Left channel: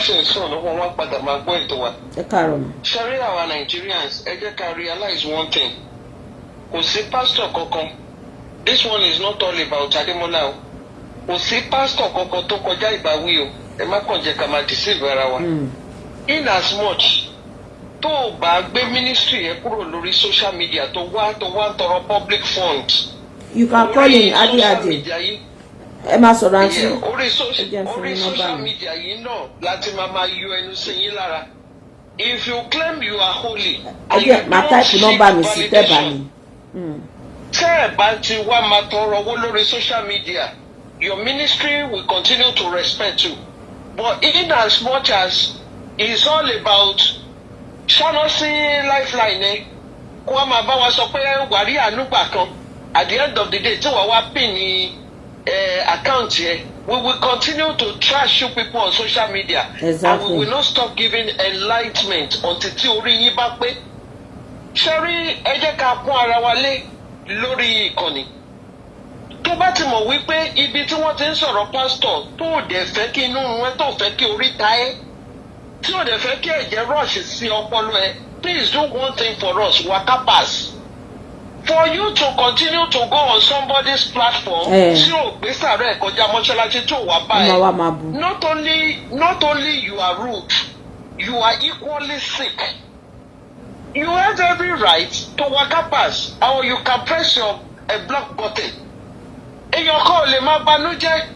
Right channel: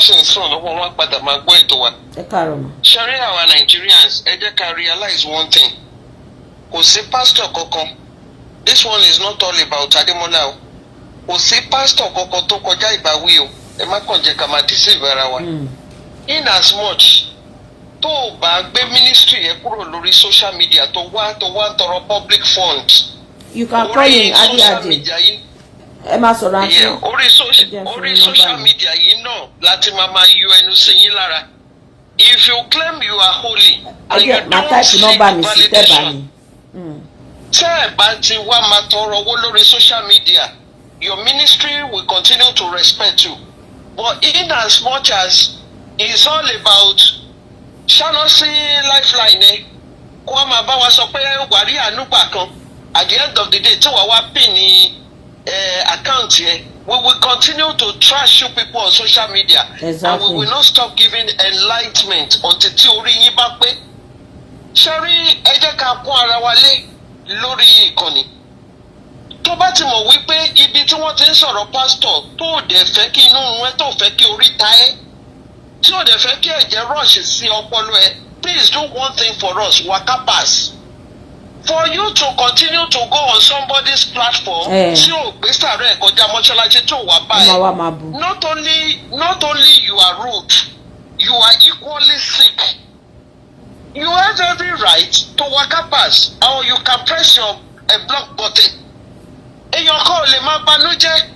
Sọ̀rọ̀ wọn wá padà máa gbọ́ ètò wa. Ṣẹ́rí àwọn Nigerians, ẹ jẹ́ ká realize one thing. Kò sí pastor kankan. This one is not all about Ademola o. Kò sí pastor kankan tó kọjá ìbáwí o. Ẹ má kàn jẹ́ ká máa deceive ara wa. In as much tó o bá gbé ministry yẹn kúrò lórí social media tó wá tọrọ public funds. You can call him Adi. Ẹ máa sọ̀rọ̀ àti orí social media yìí náà láti máa yọ ẹnu sí yín lára. If you claim you are holy and you don't see the validation, tẹ́ ẹ bá ti wá máa tọrọ owó lórí social media, your ministry will continue to respect you. But in as much as it's all about ṣáná lifeline kó wá máa bá wa sọ pé wàrí ànúgbà kan at the end of the day tí wàá wá pin ní account here, we will continue to trash you people on social media. Exactly. And we will not stop giving enlightenment until tí orí yín bá pé. Ṣẹ́rí ẹ jẹ́ ká kún ara wa lé lórí ìkànnì. Tó bá ti mọ̀ wípé ibi tí wọ́n ti ń sọ̀rọ̀ pásítọ̀ tó dẹ̀ fẹ́ kí inú ẹ tó fẹ́ kí orí ta ẹ́ tí ò dẹ̀ fẹ́ kí ẹ̀jẹ̀ rush sí ọpọlọ ẹ, please do one thing for us, waka pass. For you to continue to go on somebody's platform, tí o gbé sàrẹ́ kọjá mọ́ṣáláṣí tó wà báyìí, not only you are rude, you are equally sick. You have every right to waka pass, or you can press your block button. Èèyàn kan ò lè máa banújẹ́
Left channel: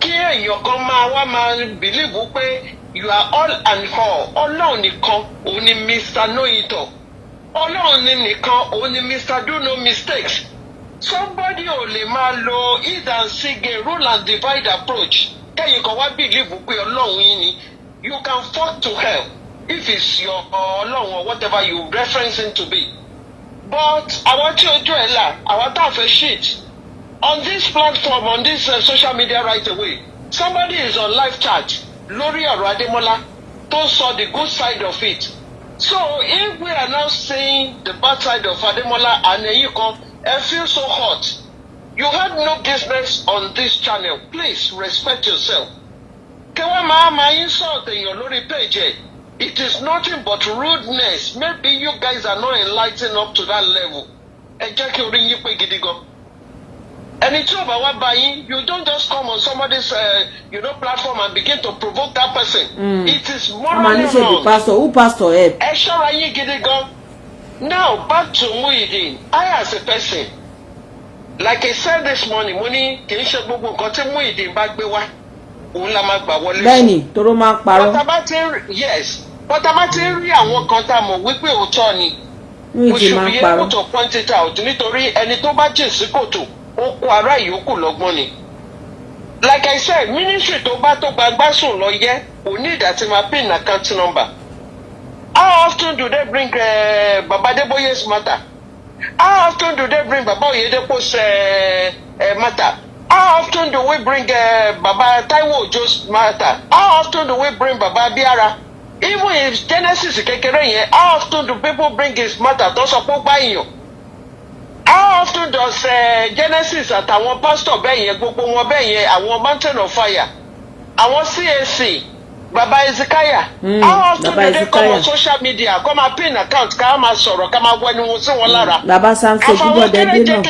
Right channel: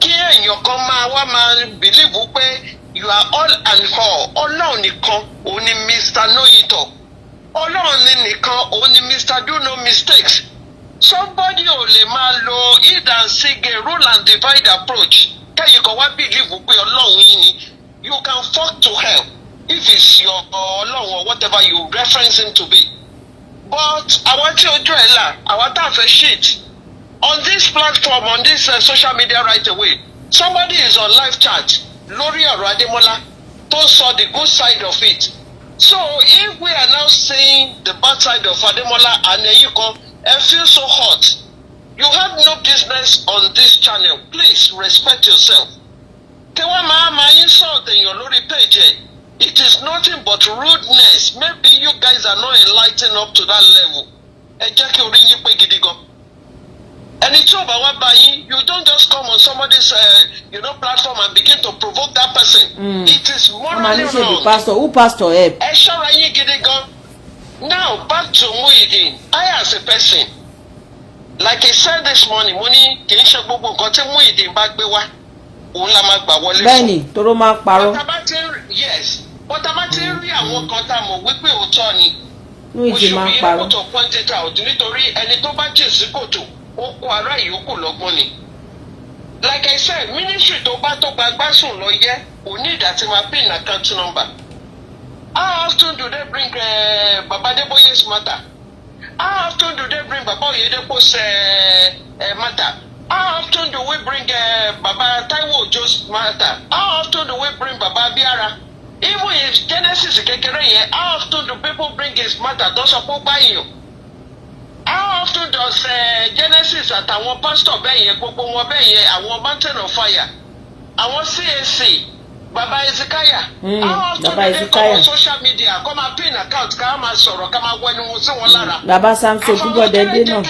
kí èèyàn kan máa believe pé you are all and all. Ọlọ́run nìkan òun ni Mr. Know It All. Ọlọ́run nìkan òun ni Mr. Do No Mistakes. Somebody ò lè máa lo hide and seek a rule and divide approach. Kẹ́yìn kan wá believe pé Ọlọ́run yín ni. You can fall to hell if it's your Ọlọ́run or whatever you reference him to be. But àwọn tí ojú ẹ̀ là, àwọn tá a fẹ́ shit. On this platform, on this social media right away, somebody is on live chat lórí ọ̀rọ̀ Adémọ́lá tó sọ the good side of it. So if we are now saying the bad side of Ademola and you come and feel so hot, you have no business on this channel. Please respect yourself. Kewa ma insult in lórí page. It is nothing but rudeness. Maybe you guys are not enlightened up to that level. Ẹ jẹ́ kí orí yín pé gidi gan. Ẹni tí ò bá wá bá yín, you don't just come on somebody's platform and begin to provoke that person. It is morally wrong. Who pastor help? Ẹ ṣọ́ra yín gidi gan. Now back to Muideen. I as a person, like I said this morning, mo ní kì í ṣe gbogbo nǹkan tí Muideen bá gbé wá òun la máa gbà wọlé fún. Bẹ́ẹ̀ni, toró máa parọ́. Bọ́tà bá ti rí àwọn kan tá a mọ̀ wípé òótọ́ ni. Muideen máa parọ́. We should be able to point it out nítorí ẹni tó bá jìn sí kòtò ó kó ará ìyókù lọ́gbọ́n ni. Like I said, ministry tó bá tó gbagbá sùn lọ yẹ kò ní ìdásí máa pin account number. How often do they bring Baba Adeboye's matter? How often do they bring Baba Oyedepo's matter? How often do we bring Baba Taiwo Ojo's matter? How often do we bring Baba Biara? Even if Genesis kékeré yẹn, how often do people bring his matter tó sọ pé ó bá yàn? How often does Genesis àtàwọn pastor bẹ́ẹ̀ yẹn gbogbo wọn bẹ́ẹ̀ yẹn àwọn Mountain of Fire àwọn CAC Baba Ezekiah how often do they come on social media come and pin account ká máa sọ̀rọ̀ ká máa wẹnu wọn sí wọn lára. Baba Samson gbúdọ̀ dé náà.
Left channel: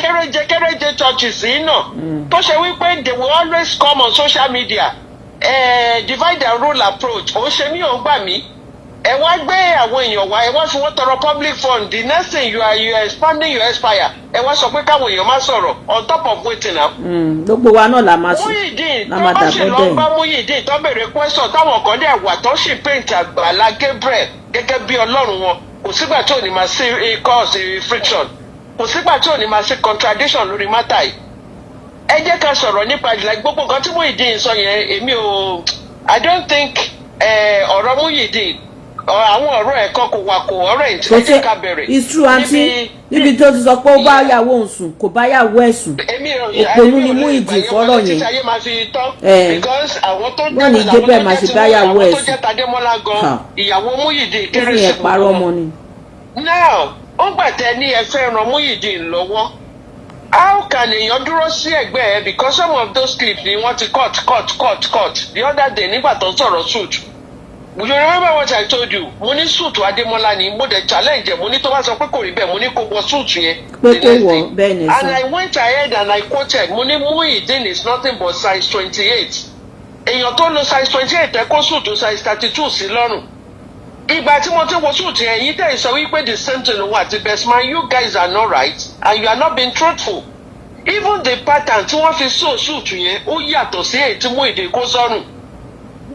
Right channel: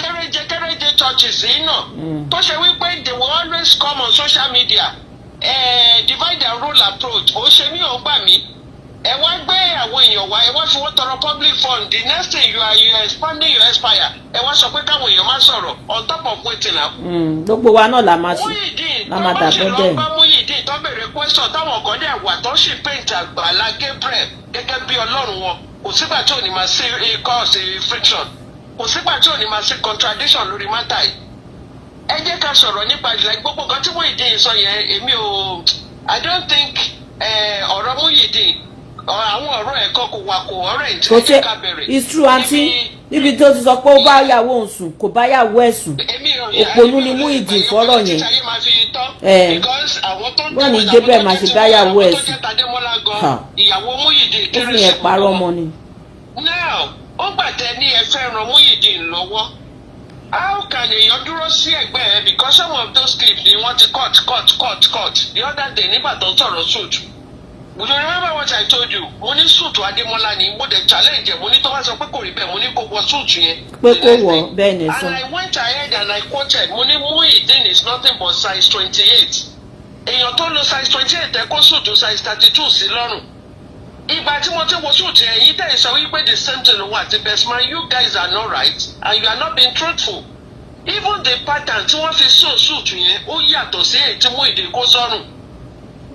kéréje churches yìí náà tó ṣe wípé they will always come on social media divide and rule approach òun ṣe ní òun gbà mí. Ẹ wá gbé àwọn èèyàn wá ẹ wá fi wọ́n tọrọ public fund the next thing you are expanding your empire ẹ wá sọ pé káwọn èèyàn máa sọ̀rọ̀ on top of wetin na. Gbogbo wa náà la máa ṣe la máa dàgbẹ́ bẹ́ẹ̀. Muideen tó bá Muideen tó béèrè question táwọn kan dẹ̀ wà tó sì paint Agbala Gabriel gẹ́gẹ́ bí ọlọ́run wọn kò sígbà tí ò ní máa sí cause friction kò sígbà tí ò ní máa sí contradiction lórí matter yìí. Ẹ jẹ́ ká sọ̀rọ̀ nípa ìlà gbogbo nǹkan tí Muideen sọ yẹn èmi ò I don't think ọ̀rọ̀ Muideen àwọn ọ̀rọ̀ ẹ̀kọ́ kò wà kò ọ̀rọ̀ ìtìlẹ́yìn ká bẹ̀rẹ̀. It's true aunty níbi tó ti sọ pé ó bá yàwó òun sùn kò bá yàwó ẹ̀ sùn òpònú ni Muideen fọ́rọ̀ yẹn. Wọ́n ní Gabriel máa ṣe bá yàwó ẹ̀ sùn. Ìyàwó Muideen kéré sí i. Parọ́ ọmọ ni. Now ó gbàtẹ́ ní ẹ fẹ́ ran Muideen lọ́wọ́. How can èèyàn dúró sí ẹ̀gbẹ́ ẹ because some of those clips ni wọ́n ti cut the other day nígbà tó ń sọ̀rọ̀ suit. You remember what I told you? Mo ní suit Adémọ́lá ni mo dẹ̀ challenge mo ní tó bá sọ pé kò rí bẹ́ẹ̀ mo ní kó wọ suit yẹn. Pé kó wọ bẹ́ẹ̀ ni sọ. And I went ahead and I quoted mo ní Muideen is nothing but size 28. Èèyàn tó lo size 28 ẹ kó suit size 32 sí lọ́rùn. Ìgbà tí mo ti wo suit yẹn yìí tẹ̀ sọ wípé the same thing wà ti best man you guys are not right and you are not being truthful. Even the pattern tí wọ́n fi sew suit yẹn ó yàtọ̀ sí èyí tí Muideen kó sọ́rùn.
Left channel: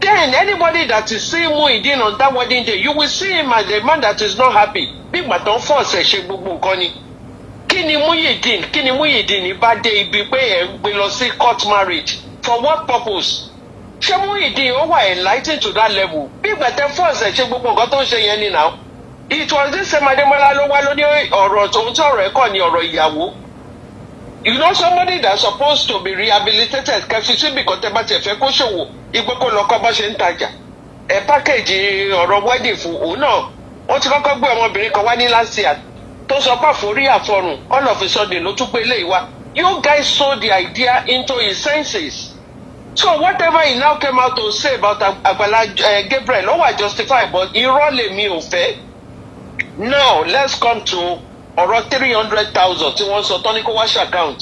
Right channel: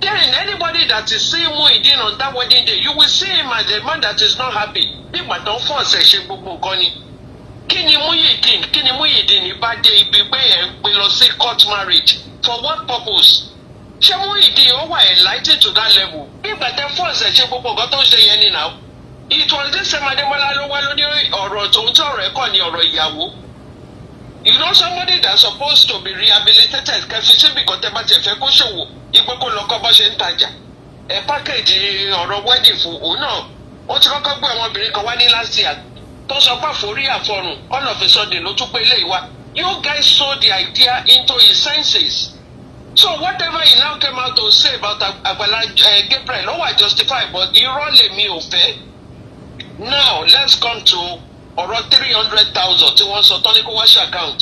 Then anybody that is seeing Muideen on that wedding day, you will see him as a man that is not happy. Nígbà tó ń force ẹ̀ ṣe gbogbo nǹkan ni. Kí ni Muideen bá dé ibi pé ẹ̀ ń gbé lọ sí court marriage? For what purpose? Ṣé Muideen ó wà enlightened to that level? Nígbà tẹ́ force ẹ̀ ṣe gbogbo nǹkan tó ń ṣe yẹn ni now. It was this same Adémọ́lá ló wá lóní ọ̀rọ̀ tó ń tọ̀rọ̀ ẹ̀kọ́ ni ọ̀rọ̀ ìyàwó. You know somebody that's supposed to be rehabilitated kẹfì síbi kan tẹ́ bá tiẹ̀ fẹ́ kó ṣòwò igbó kó lọ kọ́ bá ṣe ń tajà ẹ̀ pákéjì ọ̀rọ̀ wedding fún òun náà wọ́n ti kọ́kọ́ gbé ọmọbìnrin kan wá ní last year tó sọ pé àforí àfọrùn all of a sudden ló tún pé eléyìí wá. You guys sold the idea into his senses. So whatever he now came out to say about Agbala Gabriel ó wà justified but irọ́ lèmi ò fẹ́. Now let's come to ọ̀rọ̀ 300,000 tí wọ́n sọ tán ní kó wá ṣe account.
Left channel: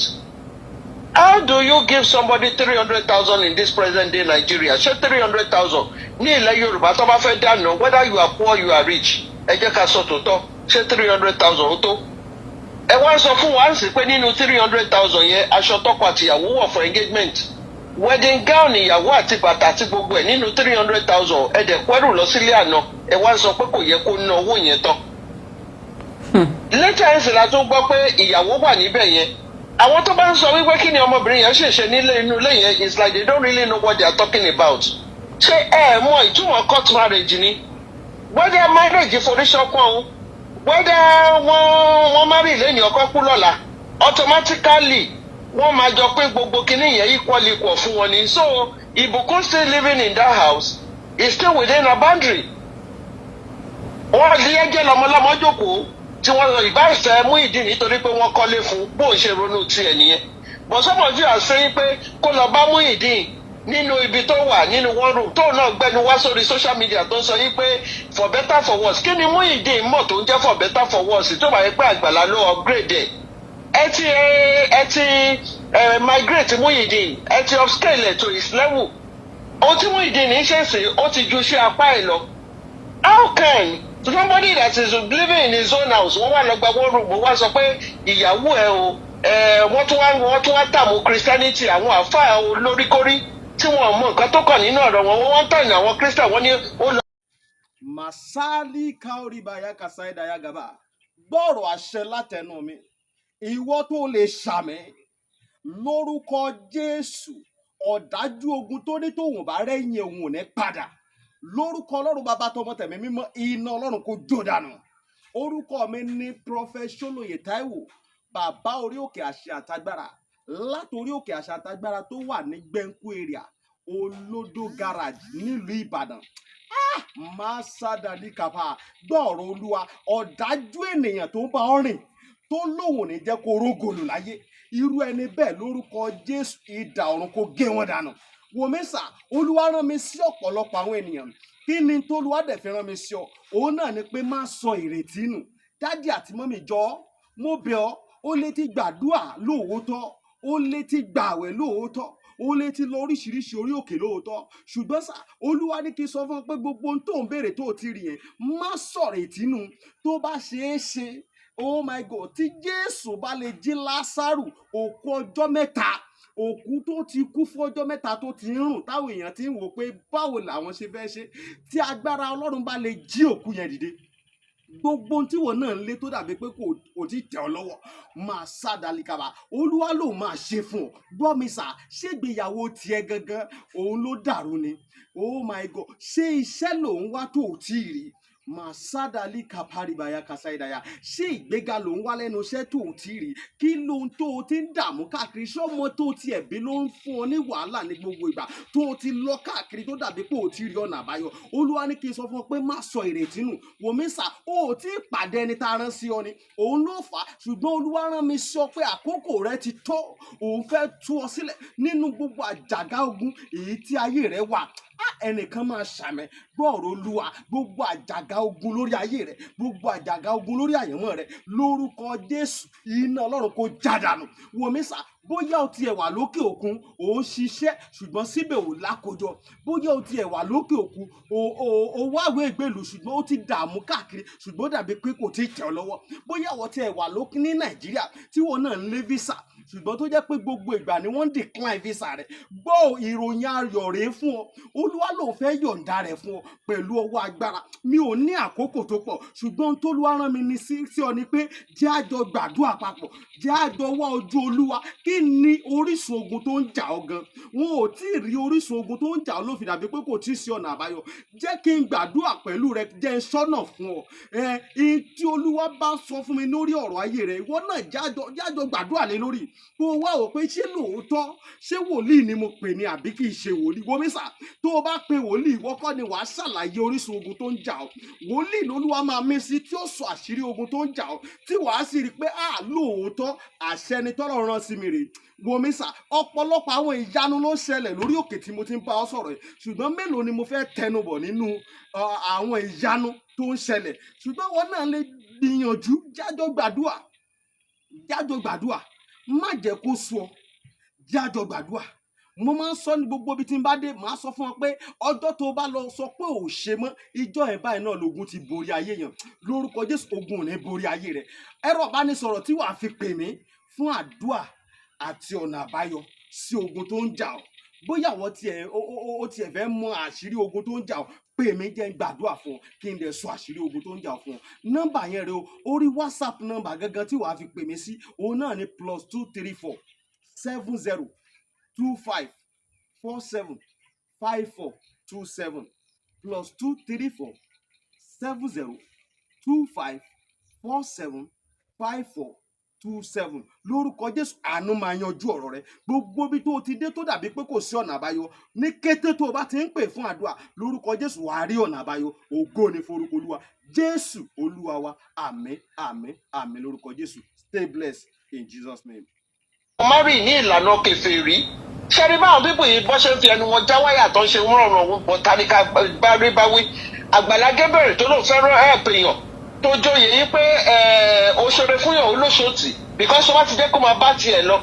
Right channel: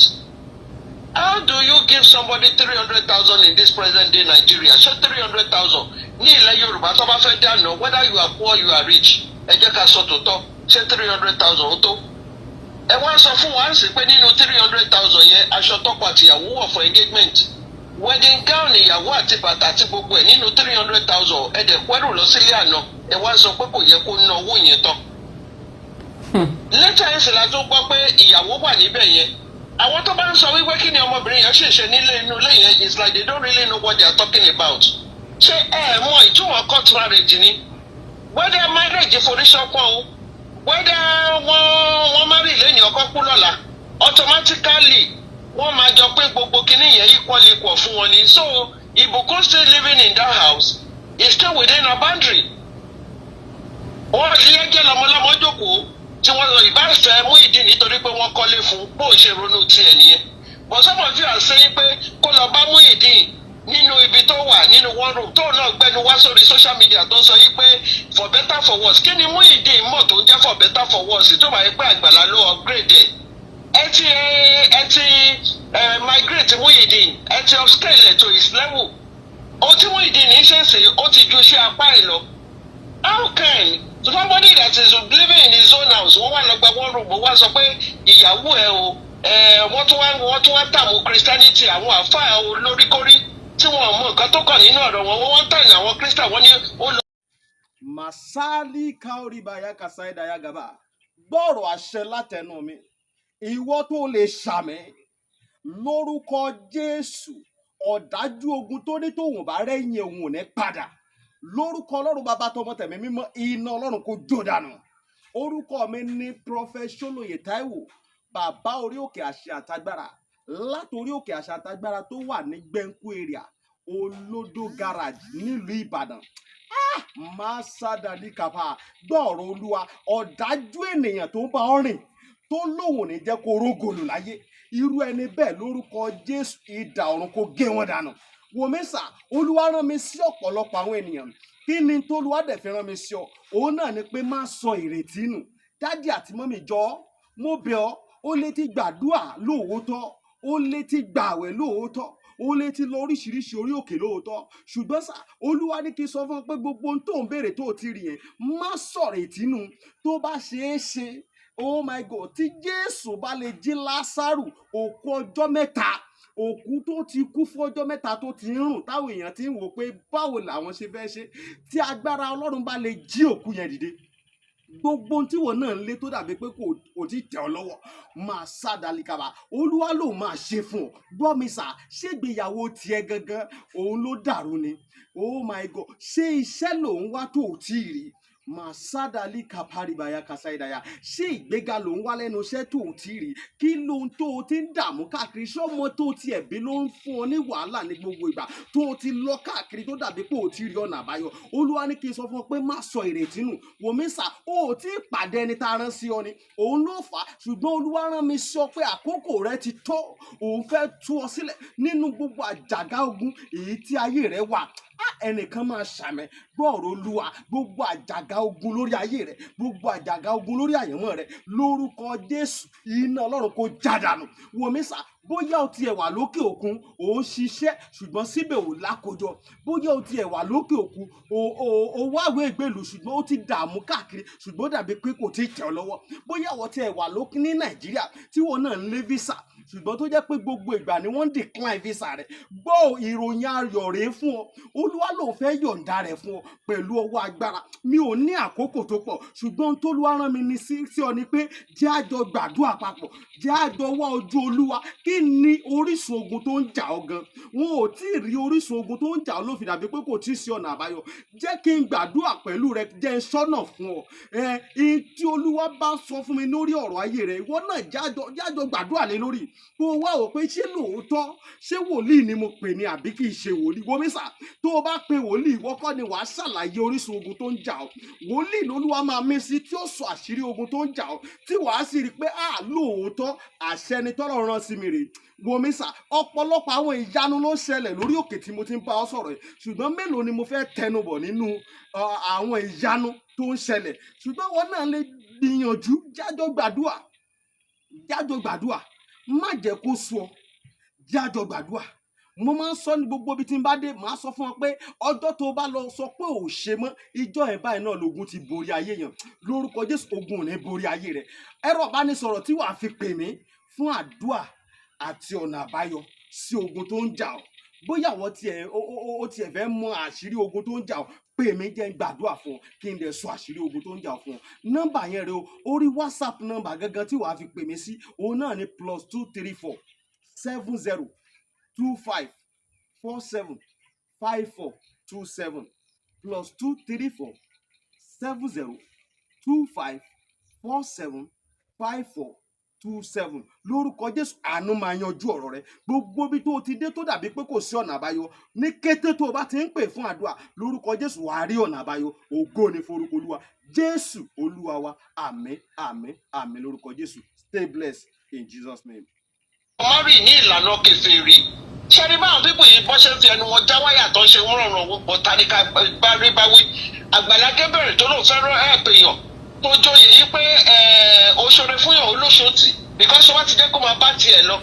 How do you give somebody 300,000 in this present day Nigeria? Ṣé 300,000 ní ilẹ̀ Yorùbá tó bá fẹ́ dáná whether you are poor you are rich ẹ jẹ́ ká sọ tòótọ́ ṣé 300,000 ó tó? Ẹ wá sọ fún wa sí pé nínú 300,000 yẹn aṣọ tọkọ àtìyàwó wọ̀ for engagement wedding gown ìyàwó àti bàtà àti gbogbo ẹ̀ nínú 300,000 ẹ dẹ̀ pẹ́rù lọ sílé àná ẹ wá sọ pé kò yẹ kó ná owó yẹn tán. Lẹ́tà ẹ̀sìn la tó gbọ́ pé ìyàwó wà níbẹ̀ yẹn. Àwọn tó bá ń sọ wípé kí ni ọmọbìnrin yẹn ṣèṣe nílé inú ilé yẹn it's like they don't really know what they are talking about. Ṣé ẹ mọ ìtumọ̀ court marriage ni? Whether marriage foríṣọ́pọ̀ o, whether wọ́n marry lẹ́ni ọkọ kú lọ́la, automatically wọ́n máa jọ pé gbogbo kinní yẹn equal fún wọn ni. So Ìbùkún still living in that house is still within a boundary. Wọ́n lé ẹjẹ́ lọ́mọlọ́mọ jókòó tí wọ́n lọ ìbáfẹ́ Muideen nítorí pé wọ́n kọ́lé fún bóun ṣe ronú tiẹ̀ nìyẹn. But some of you are saying pé kó lọ bá Muideen nínú ibi tó wà nínú one room tóun náà gbẹnu wá sórí social media tó ń sọ wípé for better for worse. Kí ni Muideen mọ̀ tó ń jẹ́ for better for worse tó máa yẹ pé Àgbàlá ló upgrade ẹ̀? Ẹ ti migrate Muideen ẹ ti upscale to his level. Ohun tí Muideen ń ṣe sí ó ti ju iṣẹ́ apá ẹ̀ lọ. How can somebody that is living in his own house wọ́n wà lọ́gbà one room wọ́n wá sọ pé ìyàwó ẹ̀ o wọ́n tún wá tààmú Christianity àwọn àfáà olóríkórí tí wọ́n mọ nǹkan tó kàn nínú ọ̀rọ̀ wọn wọ́n tàn ní àwọn Christian wọ́n ní ó lọ. Masali kaoribaya kasaidaya gaba gbọ́rọ̀ àṣẹ látẹnu mi ìwọ tó lè ṣàmì lórúkọ Jésù ọ̀dájú ogun tó ní tòun bá rẹ́yìn òun ò ní padà lórúkọ Ọlọ́run bàbá tọmọ tẹ̀mí mímọ́ iná Ọlọ́run kò jó dànù orúkọ mi ní Prophet Ṣólóyè Táíwò bàbá orí òkè àṣẹ àtagbára látòrí òkè àṣẹ àtagbára tó wà ní Gbẹ̀ǹkú area Olódó garage nílùú Ìbàdàn máa sádàdí kàfà gbọ́ọ̀rọ̀ Olúwa ọ̀dájú ènìyàn tó ń bá ọ rìn tó lóun ní jẹ́ kó rógòlù láyé irú ẹni bẹ́ẹ̀ lórúkọ Jésù idà ọ̀run kó gé wọn dànù wòmísà Olúwa rán mi sí ọ̀pọ̀lọpọ̀ àwọn ènìyàn kí ni tó Olúwa dẹ̀ fi rán mi sí ọ òun náà ni pé má sọ ìrètí nù dádì àti mọ́mì jọ mo bẹ̀ ọ́ ó lè ti gbàdúrà lóòótọ́ ó lè ti gbààwẹ̀ lóòótọ́ ó lè ti lọ oríṣiríṣi orí òkè lóòótọ́ ṣùgbọ́n sá Olúwa ní kí n sọ fún ọ pé gbogbo ohun tó ń béèrè tó ti rí yẹn má sọ̀rọ̀ ìtínú tó bá ṣeé ṣe oh my God tí Jésù bá lè jí Lásárù òkú ọjọ́ mẹ́ta òkú tó ti kú fún ọjọ́ mẹ́ta tó ti ń rùn táwọn èèyàn ti ń wò pé báwo làwọn ṣe fẹ́ ṣe tí agbára Ọlọ́run bá lè jí òkú yẹn dìde gbogbo ohun tí wọn náà ń lé tó dàbí pé kò tí tẹ̀ ọ́ lọ́wọ́ máa sádàlíkàbà Olúwa ló máa ṣe fún ọ gbọ́ mi sà ṣégbéyàwó tiẹ̀ gangan òun ló dàrú ni oh my God ṣé iṣẹ́ lòun wá tó ò tí ì rí Masadali kaparibaya kasaidaya ṣé ìgbéga ló ń wá lẹ́nu iṣẹ́ tó ti rí kí ló ń tó o ti ń dààmú káàkiri ṣọmọ tó ti ẹ̀bí ló ń fún ọ ní wàhálà ní gbogbo ìgbà tó o ti lọ káàkiri tó dàbí pé o ti rí ọ̀nà àbáyọ Olúwa ní kí n sọ fún ọ pé má sọ ìrètí nù wòmísà o ò tí ì pàdé ẹni tá a rán sí ọ ni òun ló fà á ṣùgbọ́n Olúwa rán mi sọ pé àkókò rẹ ti tó òun fẹ́ tú ọ sílẹ̀ nínú gbogbo àjàgà ogun èyí tí ayé rẹ wà ẹnìkan máa ṣàmì gbọ́ọ̀rọ̀ Olúwa gbogbo àjàgà ogun lórí ayé rẹ, gbogbo àjàgà ogun lórí àyànmọ́ rẹ, lórúkọ Jésù iná Ọlọ́run kó jádànù. Wòmí sà, bóyá o tiẹ̀ wà lókè òkun ò ń ṣiṣẹ́ ṣùgbọ́n síbẹ̀ ò lákòjọ, bóyá o tiẹ̀ wà lókè òkun ò wáwé ìgbèlú ṣùgbọ́n ó ti dààmú káàkiri ṣùgbọ́n dàbí pé kò tí ì tẹ̀ ọ́ lọ́wọ́, bóyá o tiẹ̀ wà lókè ní Nàìjíríà tí wọn náà ń lé visa ṣùgbọ́n tó jẹ́ pé gbogbo ìgbà ni wọ́n ń decline visa rẹ̀, gbọ́ ìròyìn ayọ̀ rèé fún ọ. Olúwa ló fẹ́ yọ̀ǹda rẹ̀ fún ọ pẹ̀lú ọwọ́ agbára. Mi ò ní àkókò tó pọ̀ ṣùgbọ́n t'Olúwa rán mi ní sí ọ ni pé jẹ́ a jọ gbàdúrà papọ̀, jẹ́ a jọ wá ojú Olúwa. Kí ni orísun ogun tó ń jà ọ́ gan? Wọn ò tí ì rí orísun ogun tó ń jà ọ́ ló fi dàbí pé kò tí ì sí ọ̀nà àbáyọ. Jẹ́ kí n gbàdúrà pẹ̀lú rẹ, jẹ́ n sọ́nà fún ọ. Tí Olúwa bá sọ fún mi lórí ọ̀rọ̀ ayé rẹ, ìwọ náà jájọ gbàdúrà lé lórí. Kó o wá wò pé ṣé lóòótọ́ ṣé wòlíì ni mo pè ní àbí kì í ṣe wòlíì. Wòmí sà, tó o bá pe wòlíì, ìwọ kọ́ ni wàá ṣàlàyé orísun ogun tó ń jà ọ́. Wòlíì l'Olúwa máa mí sí tí ó sọ àṣírí ogun tó ń jà ọ́, tí wàá sì rí i pé lóòótọ́ àṣẹ ni t'Ọlọ́run rán sí mi rèé. Wòmí sà, ọ̀pọ̀lọpọ̀ àwọn ìyanu ló ń ṣẹlẹ̀ lórí òkè tí mo ti ń bá ọ sọ̀rọ̀ yìí ṣùgbọ́n mélòó ni mo fẹ́ tẹnubọ̀ nínú àwọn ìyanu tó ń ṣẹlẹ̀. Ṣùgbọ́n wọn náà lè gbìyànjú, jájọ gbàdúrà, má jẹ́ kó sú ọ, jájọ gbàdúrà. Mo máa ń sọ ní gbogbo ibi tí n bá dé, màá sọ fún ọ pé ọjọ́ tó bá lọ sọ pé ò ṣe mọ́, ìjọ ẹ̀ báyìí náà lógun ti borí ayé yẹn. Lórúkọ Jésù ogun ò ní borí ayé rẹ. Ẹ̀rọ ìbánisọ̀rọ̀ tí wàá fi pè mí fún àdúrà àti ọ̀nà àbáyọ sí ogun tó ń jà ọ́. Bóyá àwọn tiẹ̀ fẹ́ mọ àṣírí ogun tó ń jà ọ́, pè mí jẹ́ n gbàdúrà fún ọ kí n dẹ̀ sọ àṣírí ogun tó ń jà ọ́ fún ọ. Nọ́mbà yẹn rẹ o, orí WhatsApp nọ́mbà gangan tí wàá fi pè mí sí, òun náà ni +234 70 25 47 54 27 +234 70 25 47 54 27. Lórúkọ Jésù àánú máa yanjú ọ̀rọ̀ rẹ. Gbogbo bí tó ti dé tó dàbí pé kò sí ọ̀nà àbáyọ, ní kété tó o bá ti ń pè fún àdúrà, lórúkọ Jésù wàá rí ọ̀nà àbáyọ. Ògo ni forúkọ Olúwa. Jésù Olúwa wa. Àmín, àmín, àmín lórúkọ Jésù. Stay blessed in Jesus' name. Mary ní ìlànà kèfèrí. Ṣẹ́rí báwọn bíbù yìí bọ́ ṣe fi ẹnu wọn já wáyà tó ń ṣe wọ́n rọrùn bọ̀ tàníkà báwí. Àgbàlá Gabriel tó lóun fẹ́ràn èèyàn tó joyè yìí pé òṣèré fún yàn olóṣòtì because wọ́n ti jẹ́ kó máa bá tiẹ̀ lọ.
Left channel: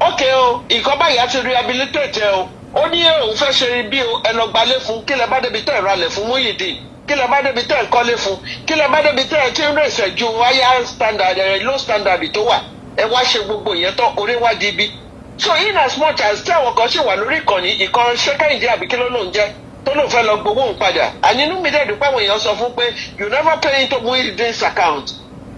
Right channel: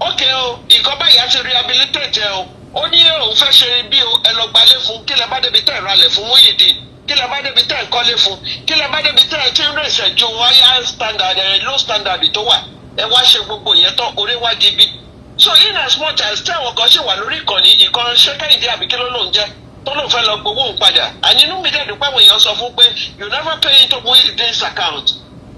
Ókè o, nǹkan báyìí á ti rehabilitate ẹ o. Ó ní òun fẹ́ ṣe bí ẹ lọ gbalé fún, kí lẹ bá débi tẹ̀ ralẹ̀ fún Muideen, kí lẹ bá débi tẹ̀ kọ́lé fún, kí lẹ bá débi tẹ̀ tí ń rèsẹ̀ ju higher standard low standard tó wà. Ẹ wá ṣe gbogbo ìyẹn tán, orí wá di ibi. So in as much as tí àwọn kan ṣì wà lórí ìkànnì ṣẹ́kẹ́yìndé àbí kí ló lóun jẹ́ tó lóun fẹ́ lọ gbowó òun padà. Àninú mi dẹ̀ dúpẹ́ àwọn èèyàn sọ fún pé you never pay into Muideen's account.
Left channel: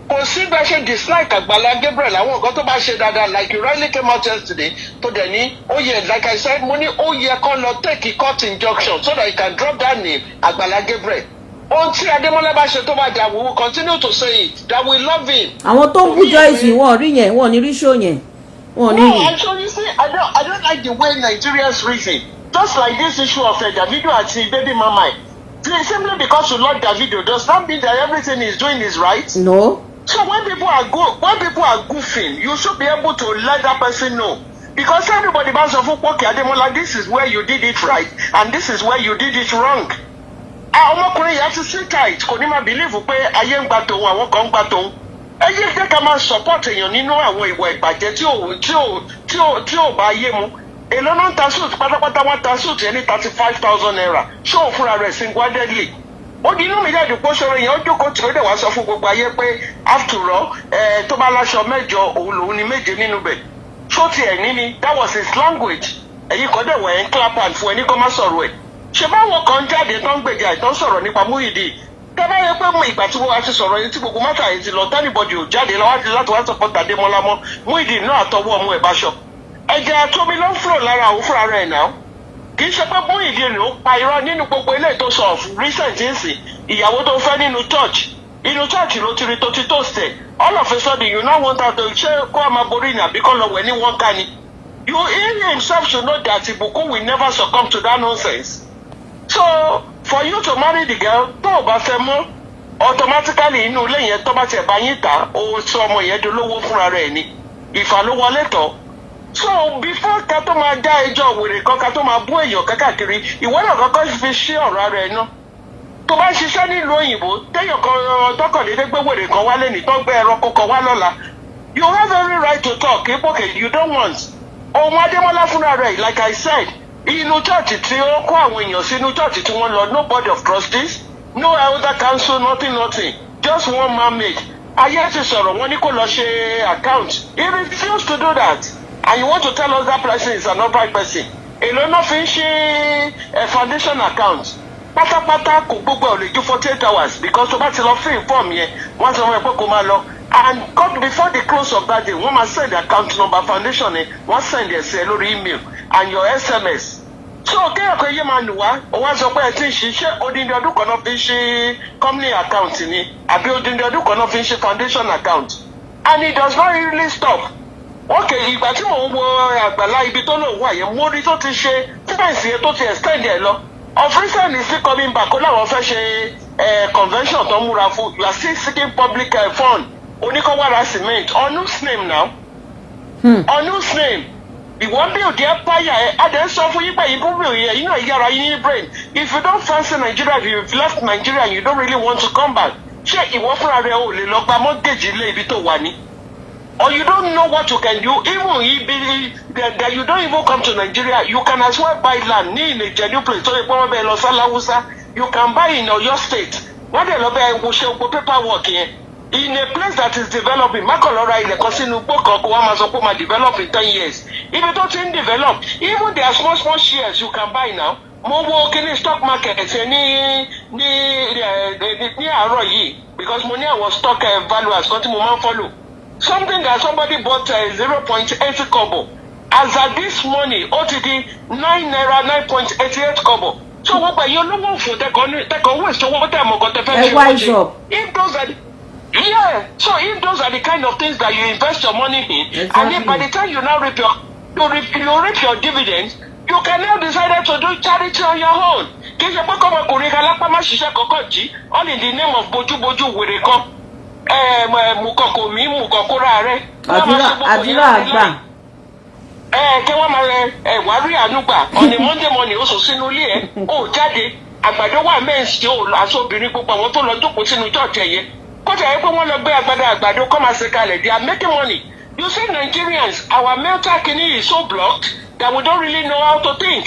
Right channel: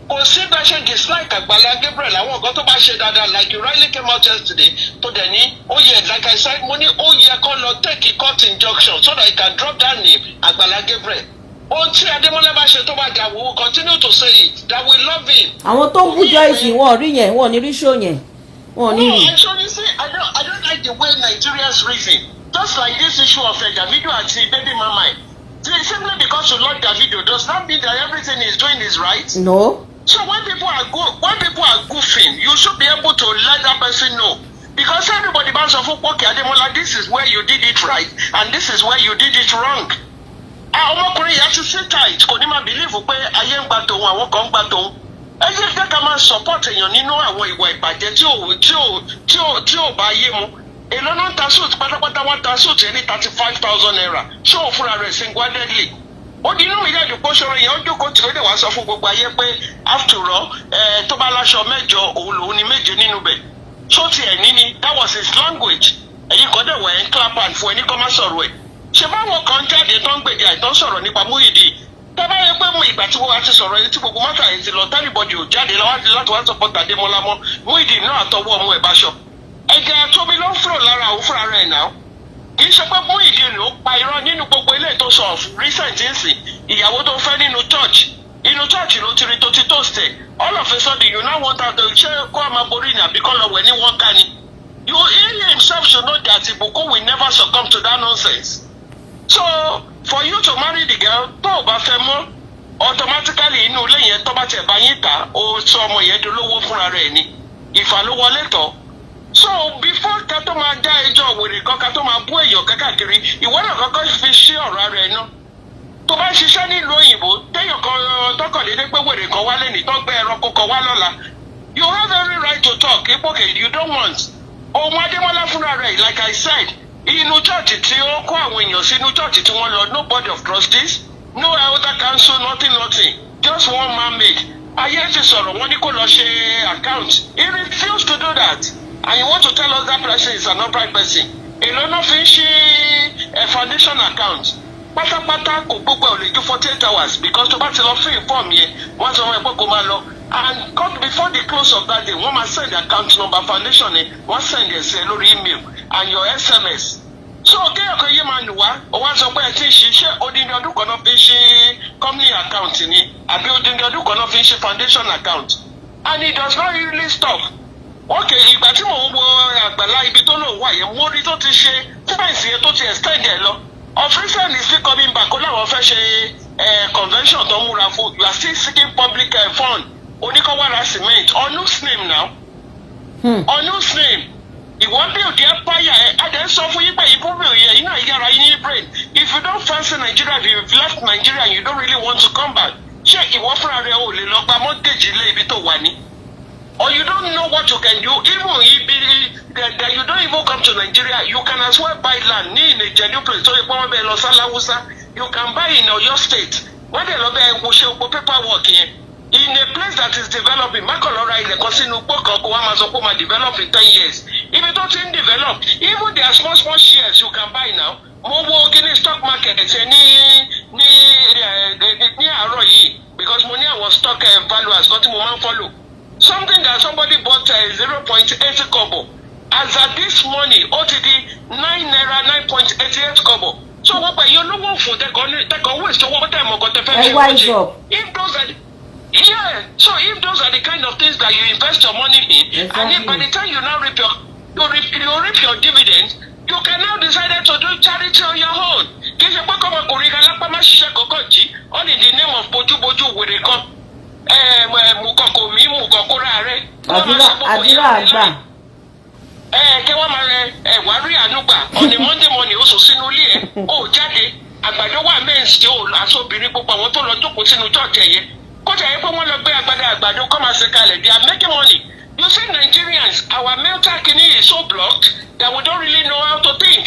Kò sí bá ṣe dislike Agbala Gabriel àwọn nǹkan tó bá ṣe dáadáa like you rightly came out yesterday tó dẹ̀ ní ó yẹ like I said mo ní ó yẹ kó lọ take a court injunction so that he can drop that name Agbala Gabriel. Ohun tí Adémọ́lá bá ṣe tó bá dà we will continue to say it that we love him. Àwọn tó ń bú Joyce wọn rí yẹn, wọn ní rí show yẹn. No, actually, see, I don't like the way Nigerians reason. Just like this issue of Davido and baby mama. Simply because you love Davido does not mean that everything he's doing is right. No. So when people are goofing, you should be able to let that person know. Because everybody bounce off okay, Ademola, this is where you did it right, and this is where you did it wrong. Ọmọkùnrin yẹn ti sit tight, kò ní máa believe pé ayé ń gbà tòun, àwọn kan ń gbà tòun. Ẹ yé jẹ́ ká máa support èèyàn nínú àwọn ìwà ìbàjẹ́ tí ò bá yé mu. Èló náà ń ta suit pátápátá wá ta suit yẹn ní 35,000 naira. Ṣé òun fúnra rẹ̀ single-handedly? Ó di inú mi jáde pé ṣọ̀rọ̀ yẹn ó jókòó tí ó dẹ̀ wá sọ fún gbogbo ayé pé after all tó bá láṣọ mẹ́jọ òun lòun ní méje nínú bẹ̀. Ṣó tiẹ̀ ní ni that was his language. Ẹ̀yin kan dẹ̀ wọ̀ ẹ̀ ń clap hand fún ẹni kọ́ má sọ̀rọ̀ ẹ̀. Ṣé báwọn kan jáde tó ń gbèjà ìtàn sọ̀rọ̀ nípa Muideen? Tẹ́lá yẹ pé mo ìgbà tí wọ́n ti sọ̀rọ̀ yìí tí gbogbo mọ́tà yìí ti lọ tẹ́lifọ̀dì ò jáde láti wá support Adémọ́lá mọ́ Muideen náà àtọwọ́ ọmọ ẹ̀ bá ṣọ. Ẹ̀jẹ̀ tóbi ló ń fúrò lára òun fúnra rẹ̀ náà. Kì í ṣe pé Muideen ló pa irọ́ nínú gbogbo ilé tó sọ recent nsì ìyàwó tó fẹ́ nínú church ló ti rí tó ti toast ẹ̀. All of a sudden you now want out to ṣé kó a máa borí ni àbí kọ́ lọ wẹ̀ ní wọ́n ká ni. He himself should know that Ìbùkún will never succumb to that nonsense. So for you to marry the girl tó o bá fẹ́ mọ́ automatically inú ilé yẹn tó bá tiẹ̀ bá yín ta ó sọ ọmọ yẹn dolówó fúnra rẹ̀ ni ìfà ló wọlé tán So before ká tó máa dá ẹjọ́ wèrè kan ká tó máa bú èèyàn kákàkiri ìwọ náà kọ́kọ́ fi ṣe ọ̀rọ̀ rẹ̀ náà. Tó bá ṣiṣẹ́ nílùú òyìnbó téèyàn kan tọkànlédé gbé wèrè kan wálé ní tó gbé ẹranko kan wá lọ́la. You have every right to talk okay you don't want. Ohun Adémọ́lá fúnra rẹ̀ like I said inú chọ́ọ̀chì tí ó kó àwọn èèyàn sí inú chọ́ọ̀chì tí wọ́n lọ no board of trustees no elder council nothing just one man made. Ayé ti sọ̀rọ̀ wọ́n ní kó lọ ṣe account. He refused to do that. And you want to tell us that person is an upright person. Èló náà fi ń ṣe foundation account. Pátápátá kò gbogbo ọ̀rẹ́ ju 48 hours because tó bá ti lọ fill form yẹn wọ́n sọ wọn pé kó máa lọ. And come before the close of that day wọ́n máa send account number foundation yẹn wọ́n send ẹ̀ sí ẹ lórí email and your SMS. So kéèyàn kan yé máa nù wá ó wá sọ pé ẹ ti ń ṣiṣẹ́ odindi ọdún kan náà fi ń ṣe company account ni àbí odindi ọdún kan náà fi ń ṣe foundation account. And it does not really stop. Okay, ìgbà tí mò ń wo Àgbàlá ibi tó lò wà yẹn mo rí tó ti ṣe fẹ́ǹsì yẹn tó ti extend ẹ̀ lọ. Of recent is still coming back ó láwọn fẹ́ ṣe convention tó múra fún you are still seeking public fund oníkọ́wára cement on whose name now? On whose name? Ìwọ bí òkè empire ẹ̀ adé sọ fún yín pé ìbúrò yẹn yín náà yára yín ní brain if you don't fancy Nigeria if you left Nigeria and you don't really want to come back ṣé ìwọ fúnra rẹ ò lè lọ gba mortgage ilé ibi tó wà ní? Or you don't know what you can do even that you don't even come to Nigeria you can as well buy land in a genuine place so you go bẹ lọ sálàwùsá you can buy in your state wọ́n dẹ̀ lọ bẹ wo ṣe gbogbo paperwork yẹn in a place that is developing mákànlọ́ra ilẹ̀ kan sínú gbọ́kàn kó wá máa sọ pé ó máa develop in 10 years ibi tó ti ń develop even their small shares you can buy now mo wo kiri stock market ní àárọ̀ yìí because mo ní àwọn stock valuers kan tí mo máa ń follow. Something that somebody bought 0.80 kobo. As at this morning, OTD 9 naira 9.88 kobo. So what about you know for take on waste to what time got the if those are so if those are the kind of things that you invest your money in, exactly. And then by the time you now reap your dividends, you can now decide to do charity on your own. All in the name of Boju wèrè kan. Mukoko mi mukokora rẹ. Àdúrà àgbà. Tí wọ́n máa wá rí ànúgbà ọ̀nì Monday morning oṣù sínú ilé ẹ̀ ó jáde àgbàdo wà mẹ́ǹsì ó aṣọ obìnrin gbogbo àwọn tó lọ jókòó sínú church ẹ̀yẹ. Kọ́jà yẹ pé wọ́n lọ gbé àgbàdo kọ́ máa ṣe kalẹ̀ they are making money. You see Nigerians our mental kidney is so blocked that we don't really know how to think.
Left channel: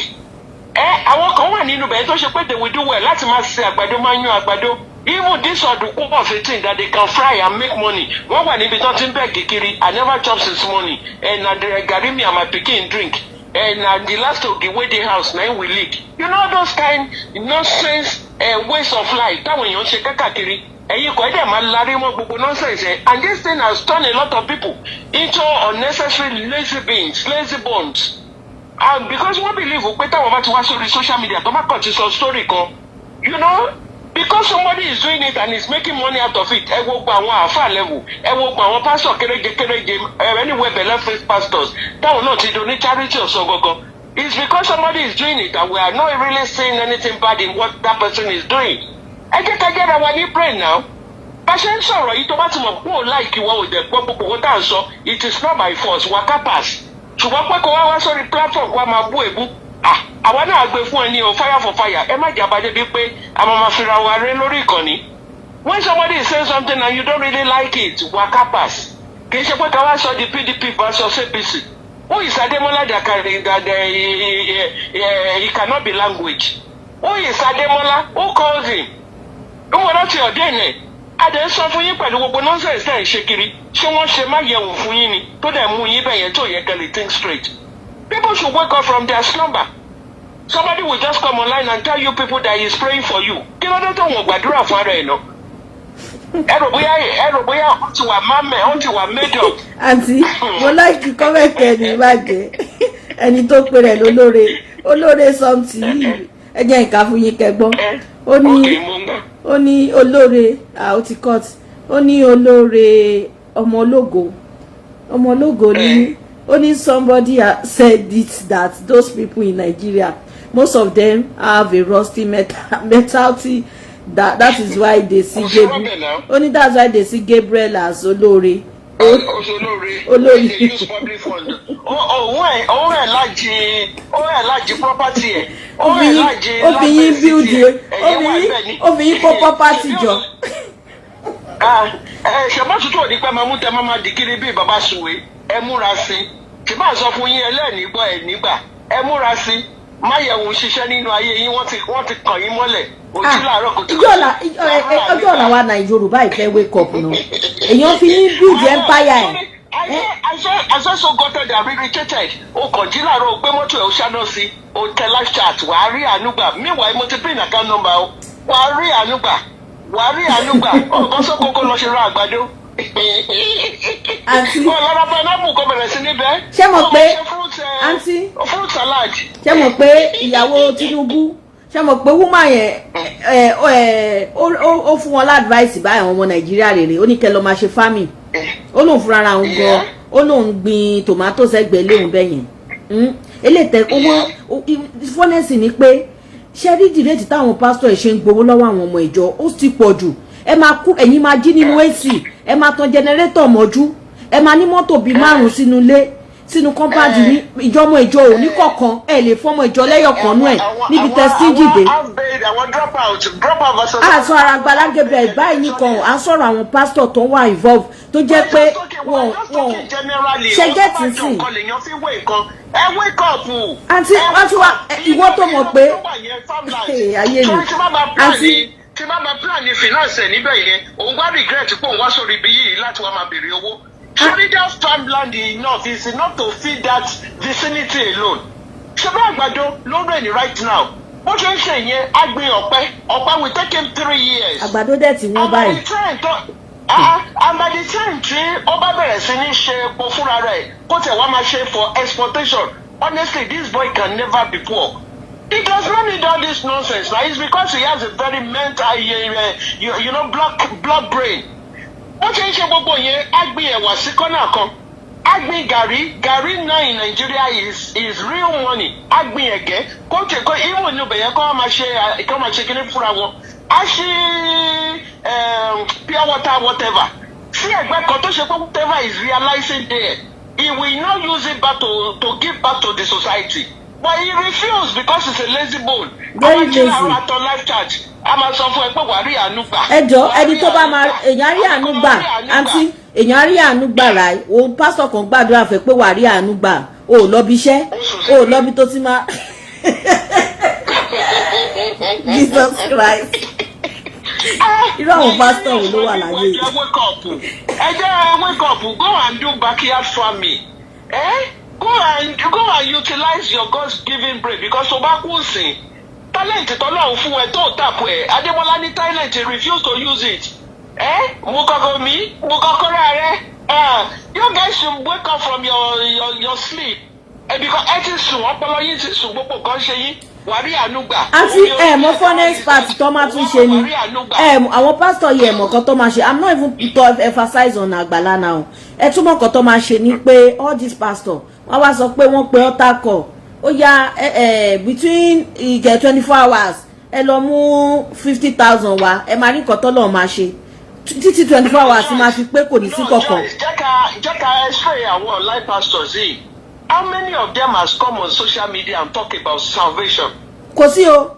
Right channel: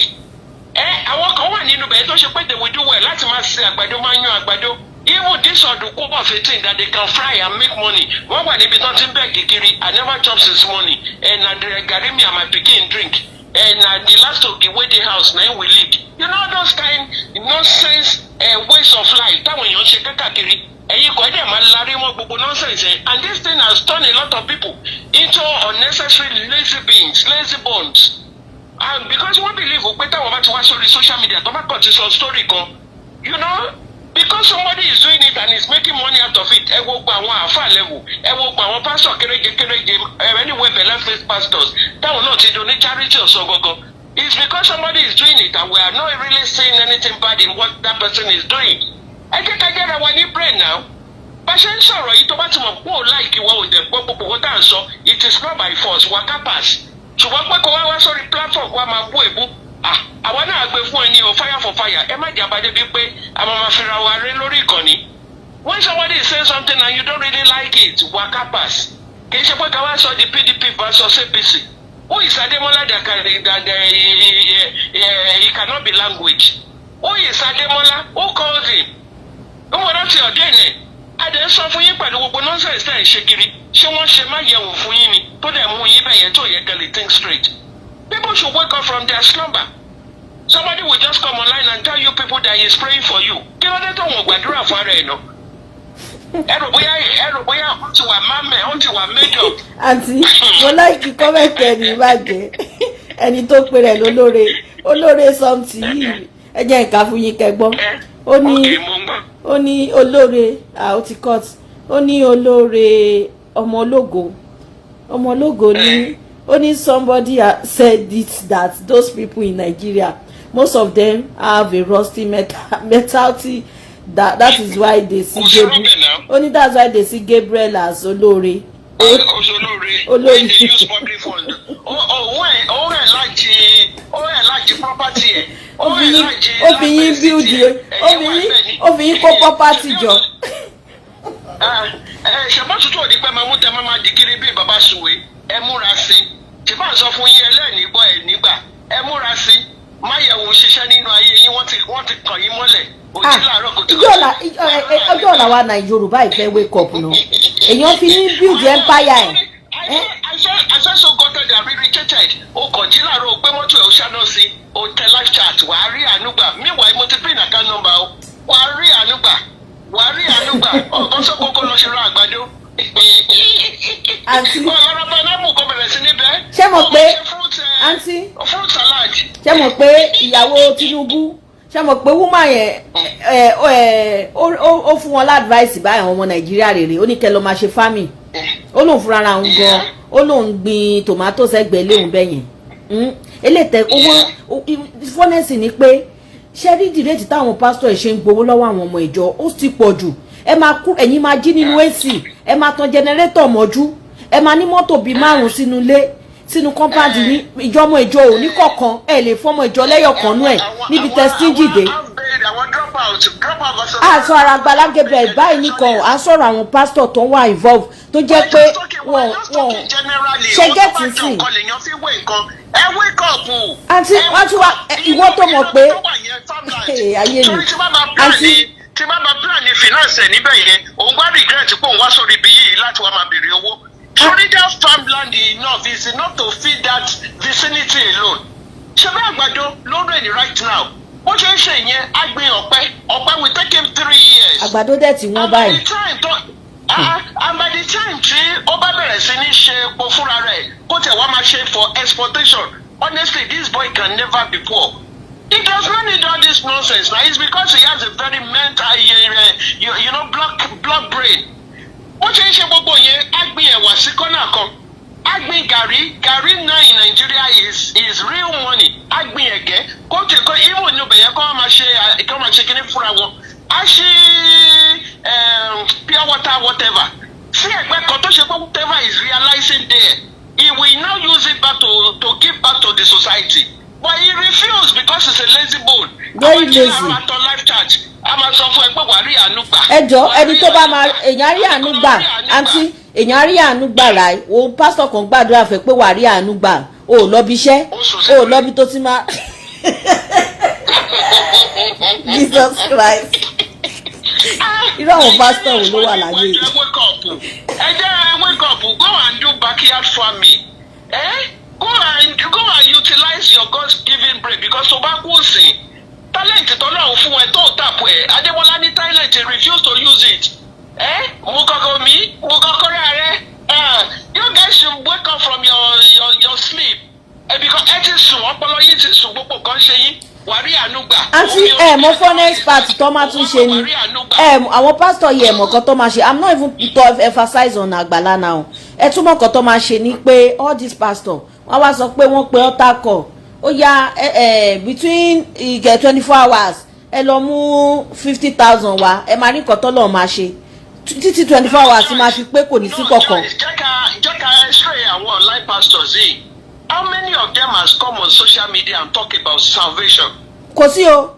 Àwọn kan wà nínú bẹ̀rẹ̀ tó ṣe pé they will do well láti máa ṣe àgbàdo máa yan àgbàdo. Even this ọ̀dùnkún of a thing that they can fry and make money. Wọ́n wà níbi tó ti ń bẹ̀ kékeré. I never chop since morning. And na the garri me and my pikin drink. And na the last of the wedding house na we leak. You know those kind nonsense ways of life. Táwọn èèyàn ṣe kákàkiri. Ẹ̀yin kò ẹ̀dẹ̀ máa larí mọ́ gbogbo nonsense ẹ̀. And this thing has turned a lot of people into unnecessary lazy bones. And because wọ́n believe pé táwọn bá ti wá sórí social media tó bá kàn ti sọ story kan. You know. Because somebody is doing it and is making money out of it, ẹ wo gba àwọn àáfà level, ẹ wo gba àwọn pastor kéréje anywhere belle face pastors, táwọn náà ti do ní charity ọ̀sán gangan. It's because somebody is doing it and we are not really seeing anything bad in what that person is doing. Ẹ jẹ́ ká jẹ́ra wa ní brain now. Bá ṣe ń sọ̀rọ̀ yìí tó bá ti mọ̀ pé ò láìkí wọ́n ò dẹ̀ gbọ́ gbogbo owó tá à ń sọ, it is not by force, waka pass. Ṣùgbọ́n pé kó wá sórí platform wa máa bú èbú. Àwọn náà gbé fún ẹ ní o fire for fire ẹ má jà bá débi pé a máa fi ra wa ré lórí ìkànnì. When somebody is saying something and you don't really like it waka pass kì í ṣe pé ká wá sọ di PDP versus APC. Who is Ademola that he cannot be language? Who is Ademola? Who calls him? Who wọ́n rántí ọ̀dẹ́ ẹ̀ adé sọ fún yín pẹ̀lú gbogbo nonsense tẹ̀ ń ṣe kiri ṣé wọ́n ṣe má yẹ̀wò fún yín ni tó dẹ̀ mú yín bẹ̀yẹn tó yẹ kẹ́lẹ̀ think straight. People should wake up from their slumber. Somebody will just come online and tell you people that he is praying for you. Kí ló dé tó wọ́n gbàdúrà fún ara ẹ̀ náà? Ẹ̀rọ bóyá ó ti wà mámẹ́, ó ti wà made up. Àǹtí, mo láìkí kọ́mẹ̀tì ẹni ìbàjẹ́. Ẹni tó pe rẹ̀ olóore sọ́ǹtì yìí. Ẹ jẹ́ nǹkan fún yín kẹgbọ́n. Ó ní olóore, ó ti cut. Ó ní olóore ọmọ ológo ní. Only somebody said it that those people in Nigeria, most of them have a rusty mentality. That is why they see Gabriel. Only that's why they see Gabriel as Olore. Olórí. When they use public fund, òun ẹ̀ láti property ẹ̀. Obìnrin bíúdì obìnrin kó property jọ. Ṣèbá tuntun òdi pé máa mú tẹ máa di kiri bíi bàbá Sùwé ẹ múra sí i. Ṣèbá sọ fún yín ẹlẹ́ẹ̀ní gbọ́ ẹ̀ nígbà ẹ múra sí i. Máyẹ̀wò ṣiṣẹ́ nínú ayé yín wọ́n ti kàn yín mọ́lẹ̀. Ojú làárọ̀ kò tó ọjọ́ ọ̀la wa Yorùbá ìfẹ́ wake up nù. Èèyàn fi ní build empire ẹ̀. I so gutted they are irritated. O kàn jí láàárọ̀ o gbé mọ́tò ẹ̀ o ṣáná sí o tẹ live chat wàá rí ànúgbà. Meanwhile mo ti pín account number o. Wàá rí ànúgbà. Ọ̀gbọ́n sọ kókó lọ ṣe ra àgbàdo. Àǹtí. Ọ̀lọ́rọ̀ pineapple kò bẹ̀rẹ̀ sí níbẹ̀. Ṣé mọ̀ pé àǹtí. Fruit salad. Ṣé mọ̀ pé ìyàwó Tinubu ṣé mọ̀ pé woman yẹn ó fún wọn ládvice báyìí àwọn ọmọ Nàìjíríà rèé ó ní kẹ́ lọ máa ṣe farming. Ó lóun fúnra ra òun gan ó lóun gbin tòmátò sẹ́gbẹ̀ẹ́ léun bẹ́yẹn. Eléyìí owó fọ́nẹ́sì ni pé ṣé dídì rétí táwọn pásítọ̀ ṣe ń gbowó lọ́wọ́ àwọn ọmọ ìjọ ó sì pọ̀ jù. Ẹ máa kú ẹ̀yin máa jí nínú AC ẹ máa tan jẹnẹrétọ̀ mọ́jú ẹ máa ní mọ́tò bíi 5 sínú ilé sínú kọ́mpáàdì ní ìjọmọ ìjọ òní kọ̀ọ̀kan ẹ lè fọmọ ìjọ lẹ́yọ̀kan náà níbi tẹ́sítíǹjì dé. àṣọ ara Agbala Gabriel báyìí nìkan à ń sọ̀rọ̀ àwọn pásítọ̀ tó wà involve tó jẹ́ pé wọ́n ṣe gẹ́tì sí. àti wọ́n ti wá ìwọ tó mọ̀ pé ayé mi àti. Tí bá máa plan ní finance ẹ̀ níbẹ̀ yẹn òun gbá regret pé òun wá sórí ibi yìí láti wá máa béèrè owó. Surely that farmland enough is enough to feed that vicinity alone. Ṣé bá àgbàdo ló ń rìn right now? Bó ṣe ń ṣe yẹn á gbin ọ̀pẹ will take him 3 years. Àgbàdo dẹ̀ tí wọ́n báyìí. And by the time tí ó bá bẹ̀rẹ̀ sí ní ṣe epo fúnra rẹ̀ kó tẹ̀ wá máa ṣe for exportation, honestly this boy can never be poor. He does not need all this nonsense. Now it's because he has a very mental, blood brain. What you say gbogbo yẹn á gbin ẹ̀wà sí kọ́nà kan. Á gbin gàrí now in Nigeria is real money. Á gbin ẹ̀gẹ́ kó tẹ̀ kó irun ní ọbẹ̀ yẹn kó máa ṣe kíní fúnra wọn. Á ṣí pure water whatever. Sí ẹ̀gbẹ́ kan tó ṣe pé whatever is realizing there, he will not use it back to give back to the society. But he refused because he's a lazy bull. Very lazy. A máa sọ fún ẹ pé wàá rí àánú gbà. Ẹjọ́ ẹni tó bá máa èèyàn rí àánú gbà àǹtí èèyàn rí àánú gbà láì o pásítọ̀ kan gbàdúrà fẹ́ pé wàá rí àánú gbà o ò lọ bí iṣẹ́ o ò lọ bí tó ti máa. Jesus Christ. Irú àwọn pásítọ̀ wo ló wà láyé? Ẹ jẹ́ wake up go and do backyard farming. Go and utilize your God-given brain because tobacco sin. Talent tọ́lọ́run fún ẹ tó tàpù ẹ̀. Adébọ́lá ní talent refuse to use it. Mo kọ́kọ́ rẹ̀. You guys should wake up from your sleep. Because ẹ ti sùn ọpọlọ yín ti sùn gbogbo kan ṣe yín. Wàrí ànúgbà. Àti mo fọ́nẹ́sì pàtì tó máa tún ṣe ni. Àwọn pásítọ̀ yẹ ẹ̀mọ̀ kan tó máa ṣe. I'm not even to emphasize on Agbala now. Ẹ túmọ̀ kan tó máa ṣe ni pé all these pastors wọ́n wá sọ pé wọ́n pe ọ́tà kọ̀ ó yá between 24 hours ẹ lọ mú 50,000 wá ẹ máa rí nǹkan tó lọ́ọ́ máa ṣe títí 24 hours ti máa fi pé kò ní sí kọ̀ọ̀kan. Jẹ́ ká x-ray àwọn online pastors yìí. How many of them has come on social media and talk about salvation? Kò sí o.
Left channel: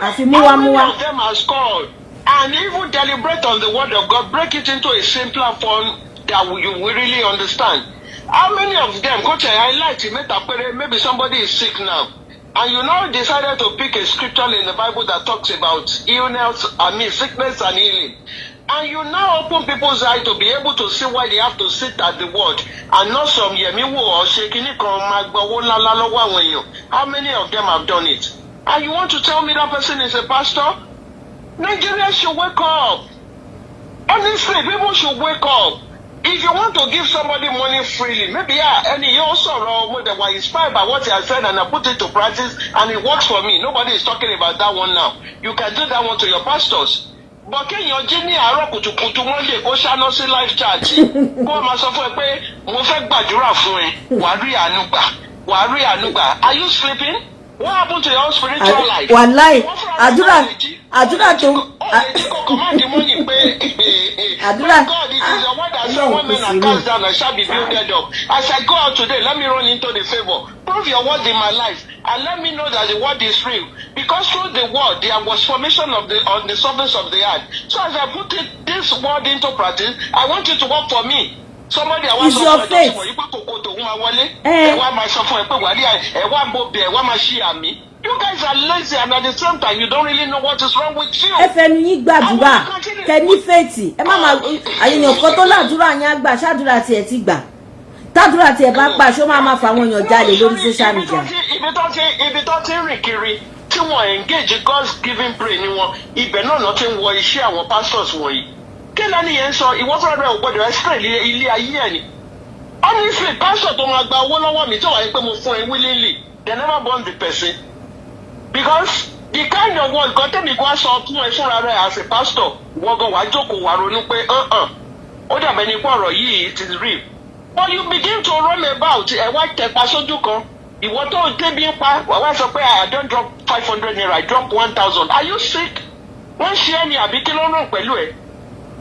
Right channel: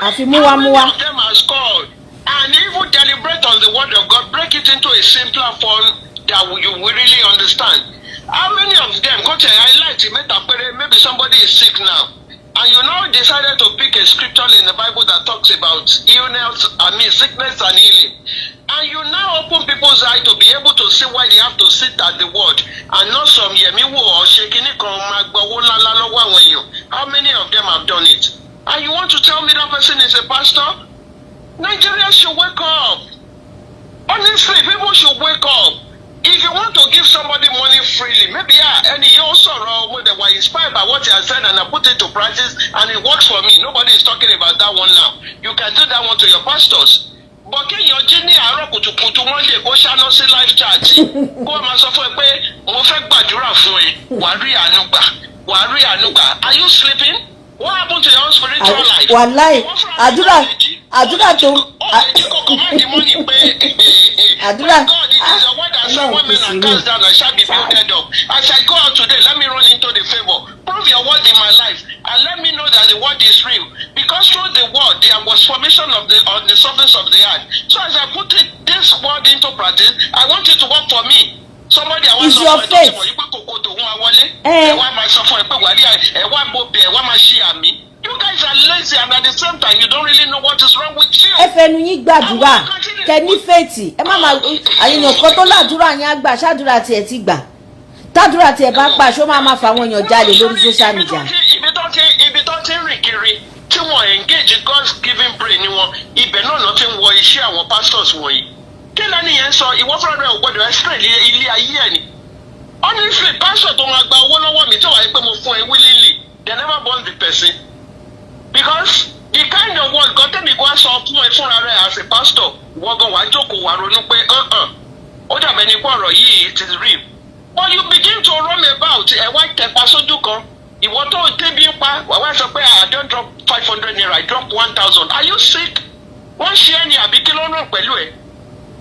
Àfi múwa. How many of them has called and even deliberate on the word of God, break it into a simpler form that you will really understand? How many of them go to highlight maybe somebody is sick now and you now decided to pick a scripture in the Bible that talks about sickness and healing, and you now open people's eyes to be able to see why they have to sit at the word and not some yemiwo or shaking. How many of them have done it? And you want to tell me that person is a pastor? Nigerians should wake up. Honestly, people should wake up. If you want to give somebody money freely, maybe you also they were inspired by what I said and I put it to practice and it works for me. Nobody is talking about that one now. You can do that one to your pastors. But can you Jenny Arokutukutu Monday go channel see live chat? Go ma sọ fún ẹ pé mo fẹ́ gbàdúrà fún ẹ. Wàá rí àánú gbà. Are you sleeping? What happened to your own spiritual life? Wàláì, àdúrà tó. Àdúrà. God, it is your word that said one man and cast down and shall be builded up. As I go out today, let me run into the favor. Prove your word in my life and let me know that the word is real. Because through the word there was formation on the surface of the earth. So as I put this word into practice, I want it to work for me. Somebody I want to your faith. You guys are lazy and at the same time you don't really know what is wrong with you. Ẹ fẹnu yín gbàdúrà kẹni fèètì ẹ má máa àyìnbó kan tó ládùúrà yín àgbà ṣáàdúrà tiẹ̀ ti gbà tádùúrà tiẹ̀ bá gbà ṣó máa fa àwọn èèyàn jáde lórí social media. Ibi tó ti ń rìn kiri tí wọ́n engage God's giving brain wọn ibẹ̀ náà ti ń wọ iṣẹ́ àwọn pastors wọ̀nyí. Kí lẹ́nu yẹn sọ ìwọ fúnra rẹ̀ ò gbọ́dọ̀ explain ilé ayé ẹ̀ ni. Honestly pastor tó máa gba owó lọ́wọ́ mi tí wọ́n yẹ pé mo fún ẹ willingly they never born the person. Because the kind of word God tell me go sọ fún ẹ fúnra rẹ̀ as a pastor wọ́gàn wàá jókòó wàá ronú pé ó dàbẹ̀ ní pọ̀rọ̀ yìí it is real. But you begin to roam about ẹ wá tẹpa sójú kan ìwọ tó débi ń pa wàá wá sọ pé I don't drop 500 naira I drop 1,000. Are you sick? Wọ́n ṣe ẹni àbí kí ló ràn pẹ̀lú ẹ̀?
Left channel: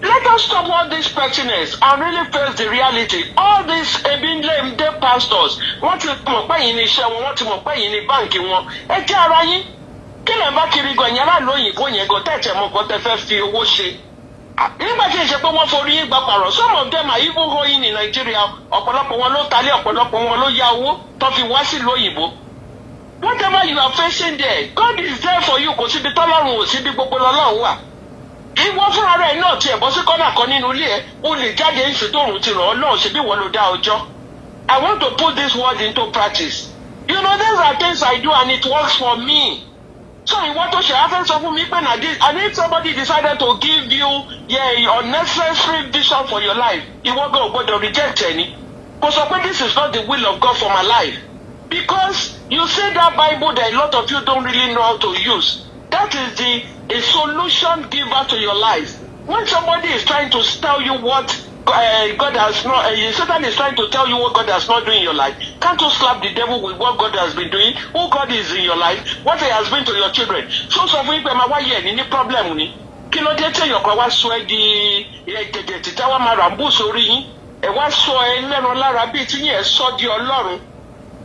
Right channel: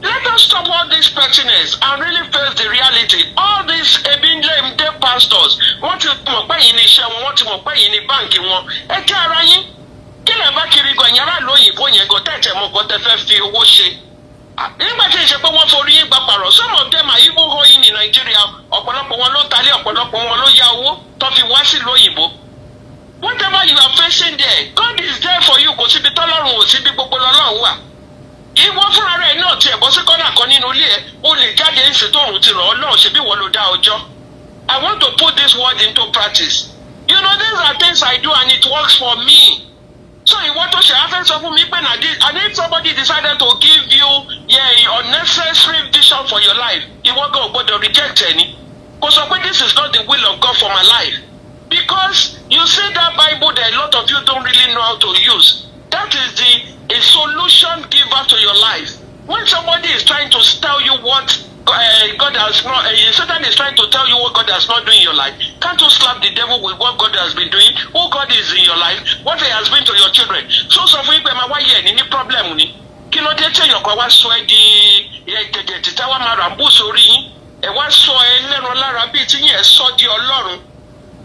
Let us stop all this pettiness and really face the reality. All these ebinde pastors, wọ́n ti mọ̀ pé yìí ní iṣẹ́ wọn, wọ́n ti mọ̀ pé yìí ní báǹkì wọn. Ẹ jẹ́ ara yín. Kí lè bá kiri gan yàrá lóyìnbó yẹn gan tẹ̀tẹ̀ mọ́ gan tẹ fẹ́ fi owó ṣe. Nígbà tí ìṣe pé wọ́n forí yín gba pàrọ̀, some of them are even going in Nigeria. Ọ̀pọ̀lọpọ̀ wọn ló talé, ọ̀pọ̀lọpọ̀ wọn ló yá owó tó fi wá sí lóyìnbó. Whatever you are facing there, God is there for you. Kò síbi tọ́lọ́run ò síbi gbogbo lọ́lọ́run wà. Ìwọ fúnra rẹ̀ náà tiẹ̀ bọ́ sí kọ́nà kan nínú ilé ẹ̀ o lè jáde ń ṣètò òun ti ràn ọ́ náà ṣe bí wọ́n ló dá ọjọ́. I want to put this word into practice. You know these are things I do and it works for me. So ìwọ tó ṣe afẹ́ sọ fún mi pé na this and if somebody decided to give you unnecessary vision for your life ìwọ gan ò gbọdọ̀ reject ẹni. Kò sọ pé this is not the will of God for my life. Because you see that Bible that a lot of you don't really know how to use. That is a solution giver to your life. When somebody is trying to tell you what God has not, Satan is trying to tell you what God has not done in your life, can't you slap the devil with what God has been doing? Who God is in your life? What He has been to your children? So fún yín pé máa wáyé ẹ̀ ní problem ni. Kí ló dé tí èèyàn kan wá sọ ẹ́ di gẹ̀gẹ̀ títà wá máa ràmbú sórí yín? Ẹ wá sọ ẹ lẹ́nu lára bíi tí yín ẹ sọ di Ọlọ́run.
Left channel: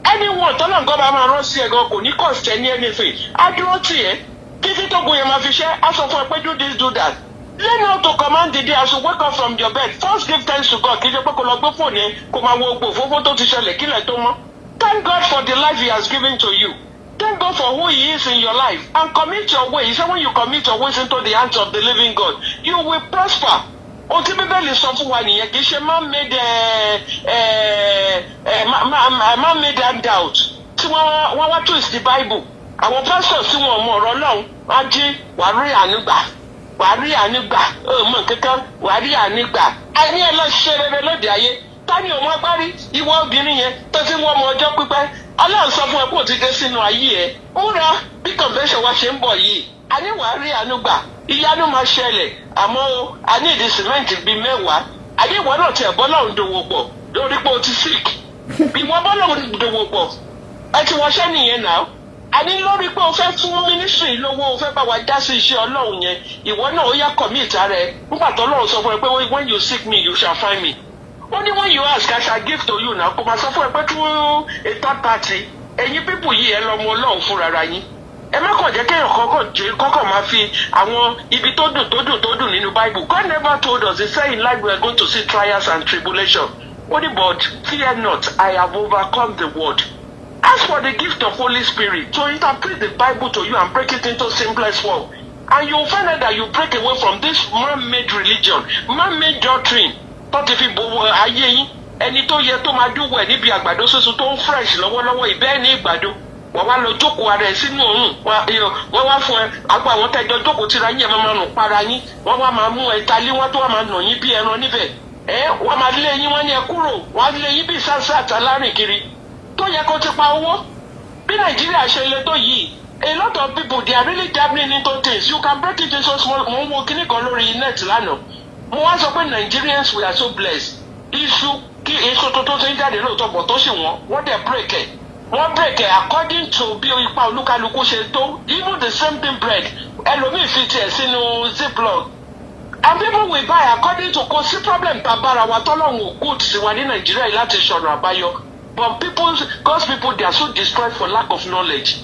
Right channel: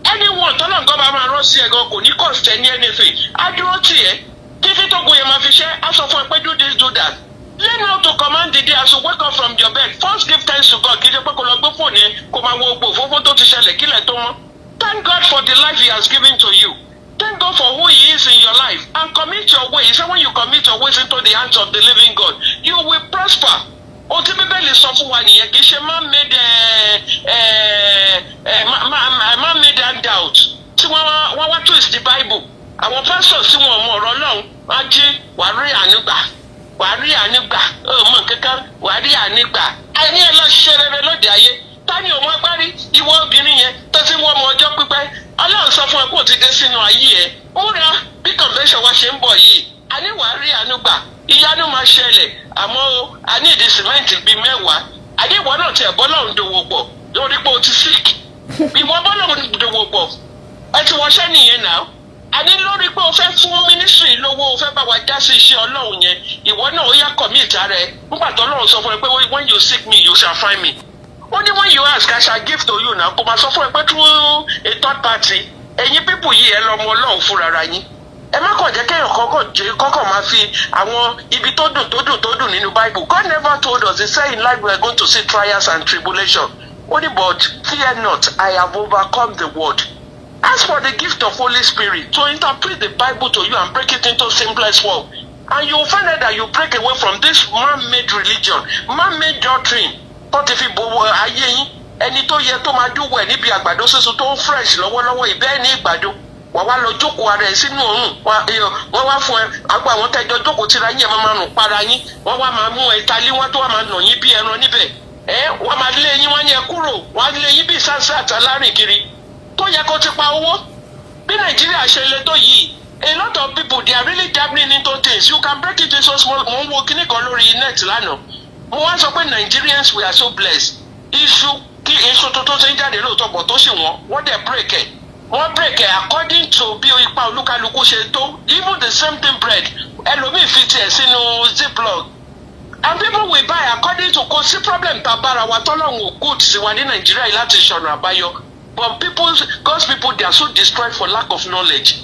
Anyone tọ́lọ̀ nǹkan bá máa rán sí ẹ gan kò ní cost ẹ ní anything. Á dúró tì ẹ́. Títí tó gbóyè máa fi ṣe aṣọ fún ẹ pé do this do that. Learn how to command the day as you wake up from your bed. First give thanks to God. Kì í ṣe pé kò lọ gbé fóònù yẹn kò máa wo ògbó òfófó tó ti ṣẹlẹ̀ kílẹ̀ tó mọ́. Thank God for the life He has given to you. Thank God for who He is in your life and commit your ways. He said when you commit your ways into the hands of the living God, you will prosper. Ohun tí Bíbélì sọ fún wa nìyẹn kì í ṣe man-made handout tí wọ́n wá twist the Bible. Àwọn pastors tí wọn mọ ọ̀rọ̀ náà wá jí wàá rí ànígbà ọmọ kankan wàá rí ànígbà àní ọlọ́ṣẹ́ rere lóde ayé tani òun agbárí ìwọ obìnrin yẹn tó ti wọ́n ọmọ ọjọ́ pípẹ́ Ọlọ́run sọ fún ẹ kó o ti dé sínú ayé ẹ ó rẹ bí convention wa ṣe ń bọ̀ yìí àní wàá rí ànígbà ìyanu máa ṣẹlẹ̀ àmọ́ àní ìdí sìmẹ́ǹtì bíi 10 àní ìwọ náà tiẹ̀ bọ́lọ́run dòwò pọ̀ lórí pé o ti sick ìwọ bọ́lọ́run dòwò pọ̀ ẹ ti wọṣẹ́ nìyẹn náà. Àní lórí pé o fẹ́ fún mínísírì lówó o fẹ́ bá wa dá sí iṣẹ́ Ọlọ́run yẹn ìwọ náà ó yá commit ara ẹ nígbà tó Ọlọ́run sọ fún ẹ pé when you seek me you shall find me. Ó ní when you ask I shall give to you náà kò máa sọ fún ẹ pé through a third party ẹ̀yin pípù yìí ẹ lọ́mọ Ọlọ́run fúnra yín. Ẹ má kàn jẹ́ kéèyàn kọ́kọ́ máa fi àwọn ibi tó dùn nínú Bible. God never told us he said in life we are going to see trials and tribulation. Ó ní but fear not I have overcome the world. Ask for the gift of Holy Spirit to interpret the Bible to you and break it into simplest form. And you will find out that you break away from this man-made religion, man-made doctrine. Tó ti fi bo ayé yín, ẹni tó yẹ tó máa dúwọ̀ ẹ̀ níbi àgbàdo sísun tó ń fresh lọ́wọ́lọ́wọ́ ìbẹ́ ní ìgbàdo. Wà wá lọ jókòó ara ẹ̀ sínú òórùn. Wọ́n wá fún ẹ, àgbà àwọn tẹ́jọ́ jókòó tira yín ẹ̀ máa nù para yín. Wọ́n wá máa mú ẹ̀ta lé wọ́n tó wá máa nà yín bí ẹran níbẹ̀. Wọ́n máa lé yín wọ́n ní ẹ kúrò, wọ́n á lé yín bí sáńsá àtàlárìn kiri. Tó yẹ kó ti pa owó bí Nàìjíríà ṣe le tó yìí a lot of people they are really dabbling into things you can break it into so small. Mo ń wo kíní kan lórí net lánàá mo wá sọ pé Nigerians we are so blessed iṣu tuntun ti ń jáde lóòótọ́ pọ̀ tó sì wọ́n dẹ̀ break ẹ̀ wọ́n break it according to bí ipa olúkálukú ṣe tó. Even the same thing bread ẹlòmíì fi tiẹ̀ sínú ziploc and people will buy according to kò sí problem tá a bára wa tọ́lọ́run ò good sí wa ní Nàìjíríà láti ṣọ̀nà àbáyọ but God's people they are so destroyed for lack of knowledge.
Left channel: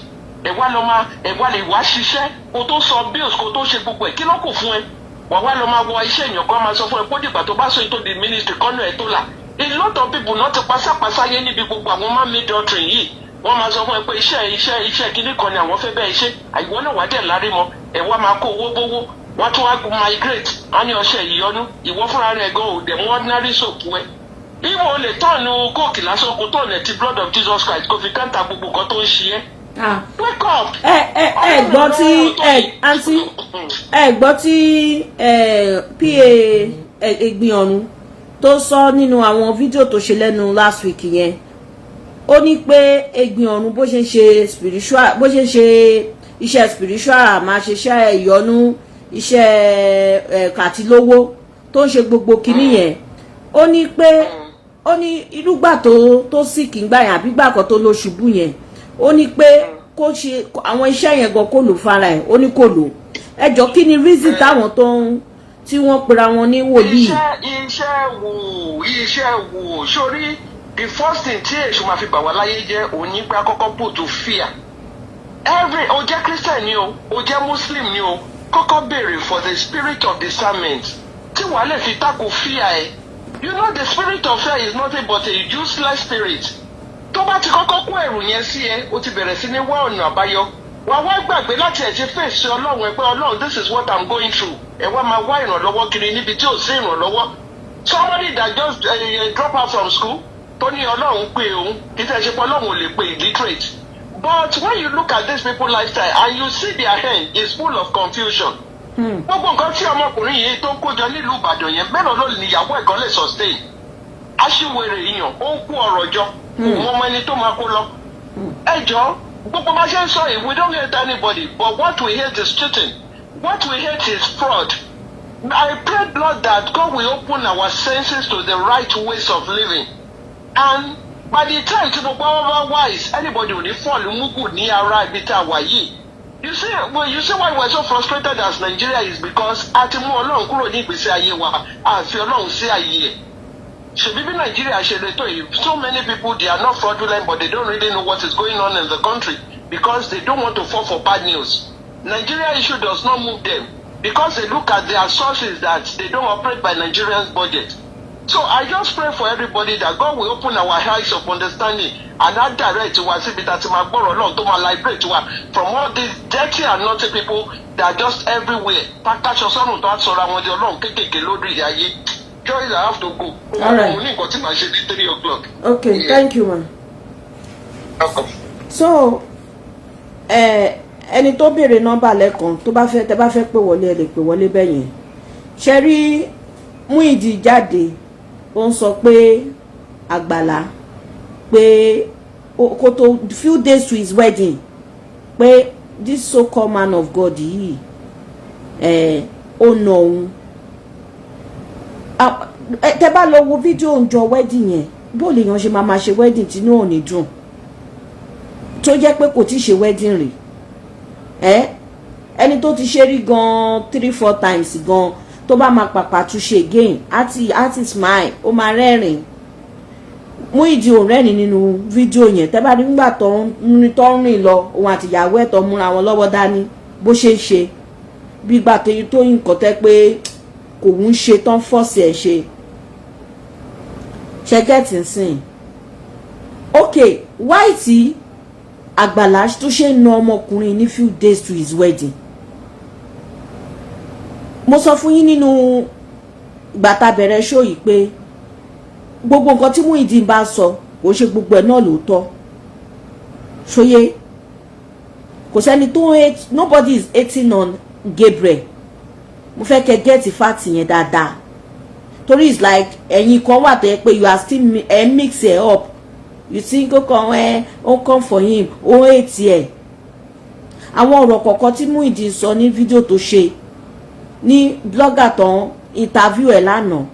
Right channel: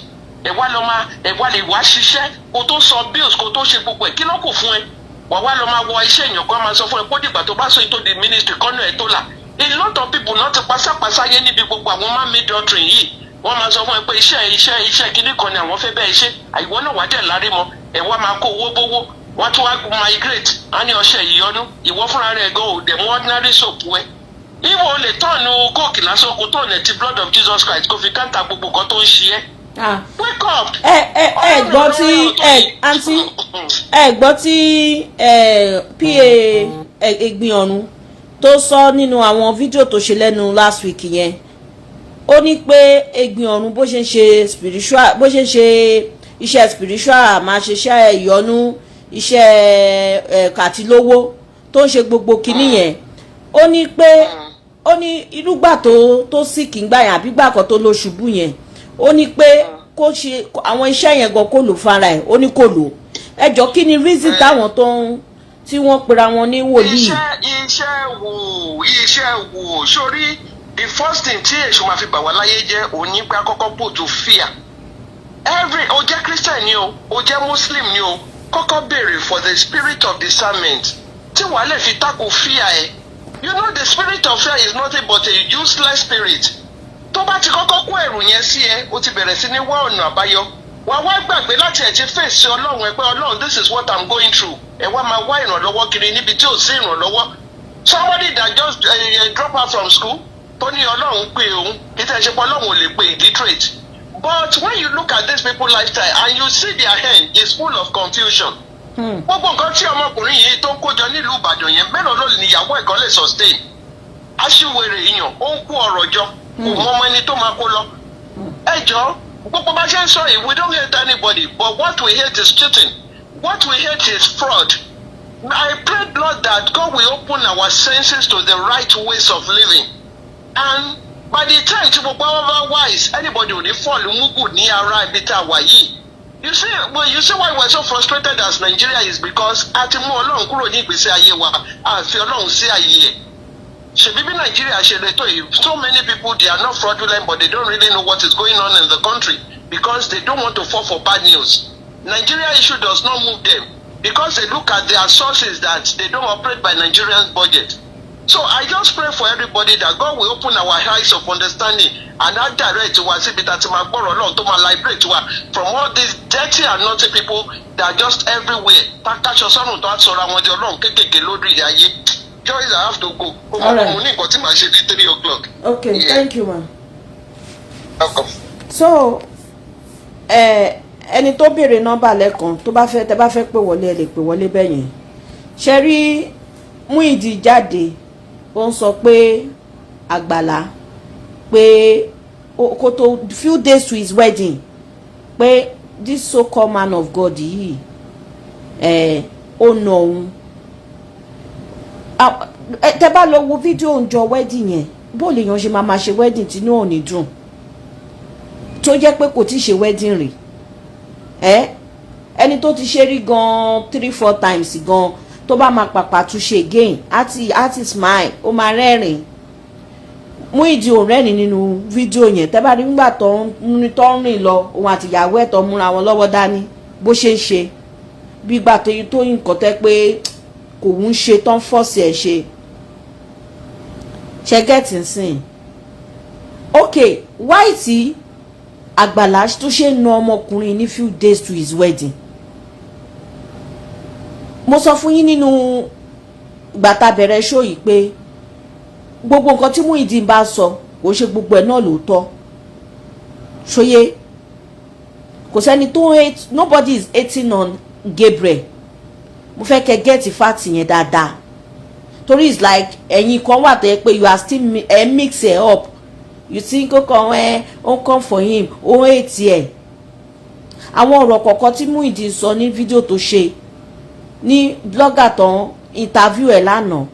Ẹ̀wá lọ máa ẹ̀wá lè wá ṣiṣẹ́ kó tó sọ bills kó tó ṣe gbogbo ẹ̀ kí ló kù fún ẹ wà lọ máa wọ iṣẹ́ èèyàn kan máa sọ fún ẹ kó dìgbà tó bá sọ ètò di ministry kọ́nà ẹ̀ tó là. A lot of people náà ti pasápasáyé níbi gbogbo àwọn man-made doctrine yìí wọ́n máa sọ fún ẹ pé iṣẹ́ kíní kan ni àwọn fẹ́ bẹ́ẹ̀ ṣe àìwọ́ náà wá dẹ̀ lárí mọ́ ẹ̀wá máa kó owó gbówó wọ́n tún wá migrate á ní ọṣẹ ìyọnu ìwọ fúnra rẹ̀ gan ò dẹ̀ mú ordinary soap wẹ̀. Ìwọ ò lè tọ́ọ̀nù kóòkì lásán kó tọ́ọ̀nù ẹ̀ ti blood of Jesus Christ kó fi káńtà gbogbo nǹkan tó ń ṣe ẹ́. Wake up. Ẹ gbọ́ tí àǹtí ẹ gbọ́ tí PA Egbin Ọ̀run tó sọ nínú àwọn fídíò tó ṣe lẹ́nu last week yẹn ó ní pé Egbin Ọ̀run bó ṣe ń ṣe spiritual bó ṣe ń ṣe iṣẹ́ spiritual máa ṣe iṣẹ́ ìyọnu iṣẹ́ kàtílówó tó ń ṣe gbogbo kinní yẹn ó ní pé ó ní irúgbà tó sì kì í gbà yẹn àbígbà kan tó lọ ṣubú yẹn ó ní pé kó ṣe àwọn iṣẹ́ yẹn gan kó lò fara ẹ̀ ó ní kó lò ẹjọ́ kí ni reason táwọn tó ń tí wọ́n pera wọn ní wòlíì. iṣẹ́ wo sórí the first thing tí èṣù máa fi bà wá láyé jẹ́ òní pé àkọ́kọ́ put to fear o jẹ́ Christian ni o jẹ́ Muslim ni o kọ́kọ́ béèrè for the spirit of discernment tí wàá lè fi tako fear ẹ̀ you know the spirit of fear is nothing but a useless spirit tó bá ti kọ́kọ́ kó ẹ̀rù yẹn sí ẹ o ti bẹ̀rẹ̀ sí ní wá ọ̀nà àbáyọ wà wá gbàgbé láti ẹ̀ ti fèsì Ọlọ́run ẹ pé Ọlọ́run this is what I'm going through ẹ wá máa wá ìrànlọ́wọ́ kiri níbi tí ò sí ìrànlọ́wọ́ somebody that just drop out from school tó ní Ọlọ́run pé òun kí tẹ́ ẹ ṣe pé Ọlọ́run ò lè pé illiterate but when you look at these people lifestyle and you see their hand is full of confusion gbogbo nǹkan tí ọmọkùnrin yìí tó ń kójọ nílùú Ìbàdàn yẹn mélòó ló níyàwó ẹ̀kan lè sustain aṣíwèrè èèyàn ó ń kó ọ̀rọ̀ jọ kò mọ ọmọ ẹni tó máa kó lọ ẹ jọ gbogbo bá ṣe ń sọ yìí we don't hate anybody but what we hate is cheating what we hate is fraud. I pray Lord that God will open our senses to the right ways of living and by the time tí gbogbo our wise anybody ò ní fall mugu ní ara ibi tá a wà yìí. You see why we're so frustrated as Nigeria is because a ti mú Ọlọ́run kúrò ní ìgbésí ayé wa a fi Ọlọ́run sí ayé ẹ̀. Ṣèbí bí Nigeria ṣe lè tó yìí so many people they are not fraudulent but they don't really know what is going on in the country because they don't want to fall for bad news. Nigeria issue does not move them because they look at their sources that they don't operate by Nigerian budget. So I just pray for everybody that God will open our eyes of understanding and not direct to us síbi tá ti máa gbọ́rọ̀ Ọlọ́run tó máa liberate wa from all these dirty and naughty people that are just everywhere. Tákàṣọ sọ́run tó á sọ̀rọ̀ àwọn di Ọlọ́run kéékèèké lórí ayé. Joyce, I have to go. All right. Okay, yeah. Thank you, man. Welcome. So, ẹni tó béèrè nọ́mbà lẹ́kan tó bá fẹ́ tẹ́ bá fẹ́ pè wọlé ẹ lè pè wọlé bẹ́yẹn. Ṣé rí Muideen jáde ó ń sọ pé Agbala pé kó tó few days to his wedding pé this so-called man of God yìí ó nà òun. Tẹ́ bá lọ wo fídíò ńjọ́ wedding yẹn bó lè yan ṣe máa ṣe wedding tí inú ò ní dùn tó jẹ́ pé kò tí ṣe wedding rí ẹni tó ti ṣe rí gan 3-4 times gan tó bá máa pàpà tún ṣe again àti smile ó máa rẹ́rìn Muideen ò rẹ́rìn nínú fídíò yẹn tẹ́ bá rí nígbà tó ń rìn lọ òun àtìyàwó ẹ̀ tó múra wọn lọ́wọ́ dání bó ṣe ń ṣe bí gbà tó nǹkan tẹ́ pé kò ń ṣe tán fọ́ọ̀sì ẹ̀ ṣe gẹ́tì sìn ok why tí Agbala tó ṣe ń na ọmọkùnrin ní few days to his wedding mo sọ fún yín nínú ìgbà tá bẹ̀rẹ̀ show yìí pé gbogbo nǹkan tí Muideen bá sọ kò ṣe gbogbo ẹ̀ náà lóòótọ́ ṣóyé kò sẹ́ni tó hate nobody is hating on Gabriel mo fẹ́ kẹ́ get fact yẹn dáadáa torí it's like ẹ̀yin kan wà tẹ́ pé you are still mix it up you think ó come for him ó hate ẹ̀ àwọn ọ̀rọ̀ kọ̀ọ̀kan tí Muideen sọ ní fídíò tó ṣe ní blogger tán interview ẹ̀ lánàá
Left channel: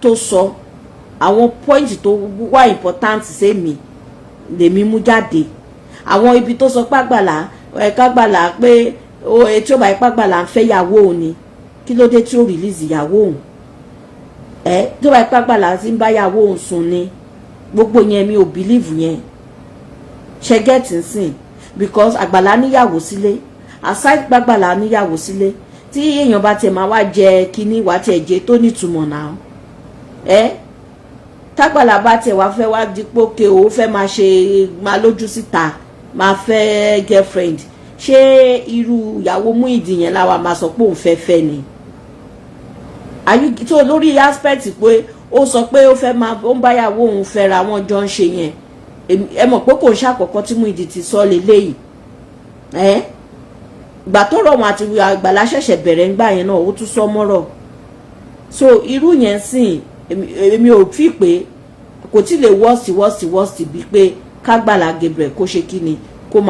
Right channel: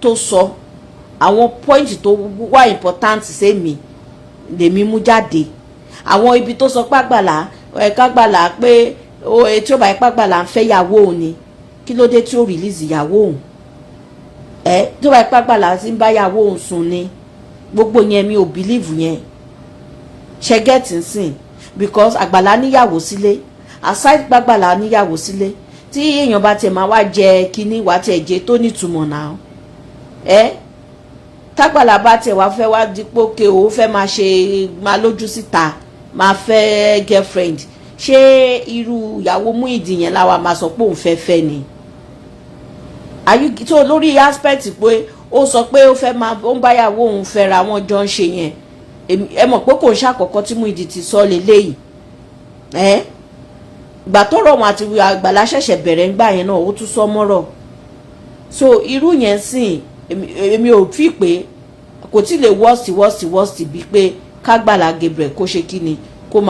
tó sọ àwọn point tó wà important sí mi lèmi mú jáde. Àwọn ibi tó sọ pàgbàlá kágbàlá pé tí ó bá pàgbàlá ń fẹ́ ìyàwó òun ni, kí ló dé tí ó release ìyàwó òun? Tí ó bá pàgbàlá tí ń bá ìyàwó òun sùn ni, gbogbo yẹn mi ò believe yẹn. Ṣe get nsìn, because Agbala níyàwó sílé, aside pàgbàlá níyàwó sílé, tí èèyàn bá tiẹ̀ máa wá jẹ kíní wá tiẹ̀ jẹ tó nítumọ̀ náà. Tágbàlá bá tiẹ̀ wá fẹ́ wá dípò pé ó fẹ́ máa ṣe máa lójú síta, máa fẹ́ girlfriend, ṣé irú ìyàwó Muideen yẹn láwa máa sọ pé òun fẹ́ ni? Tó lórí aspect pé ó sọ pé ó ń báyàwó òun fẹ́ra wọn jọ ń ṣe yẹn, ẹ mọ̀ pé kò ń ṣàkọ́kọ́ tí Muideen ti sọ lélẹ́yìí. Ìgbà tó rọ̀ wọn àti Agbala ṣẹ̀ṣẹ̀ bẹ̀rẹ̀ ńgbà yẹn náà ó tún sọ mọ́rọ̀. So irú yẹn sìn èmi ò fi pé kò tí lè worst bíi pé kágbàlá Gabriel kó ṣe kí ni kó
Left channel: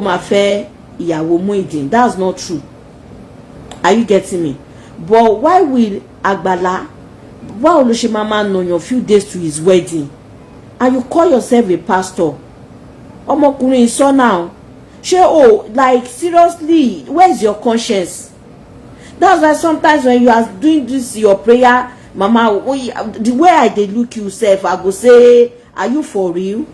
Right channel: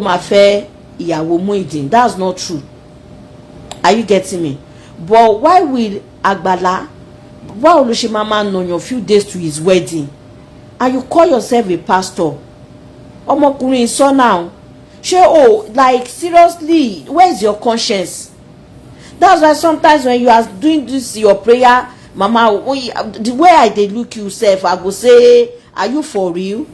máa fẹ́ ìyàwó Muideen. That's not true. Are you getting me? But why will Agbala, báwo ló ṣe máa nàyàn few days to his wedding and you call yourself a pastor? Ọmọkùnrin sọ náà ṣé like seriously, where is your conscience? That's why sometimes when you are doing this your prayer, mama, the way I dey look you sef, I go say, are you for real?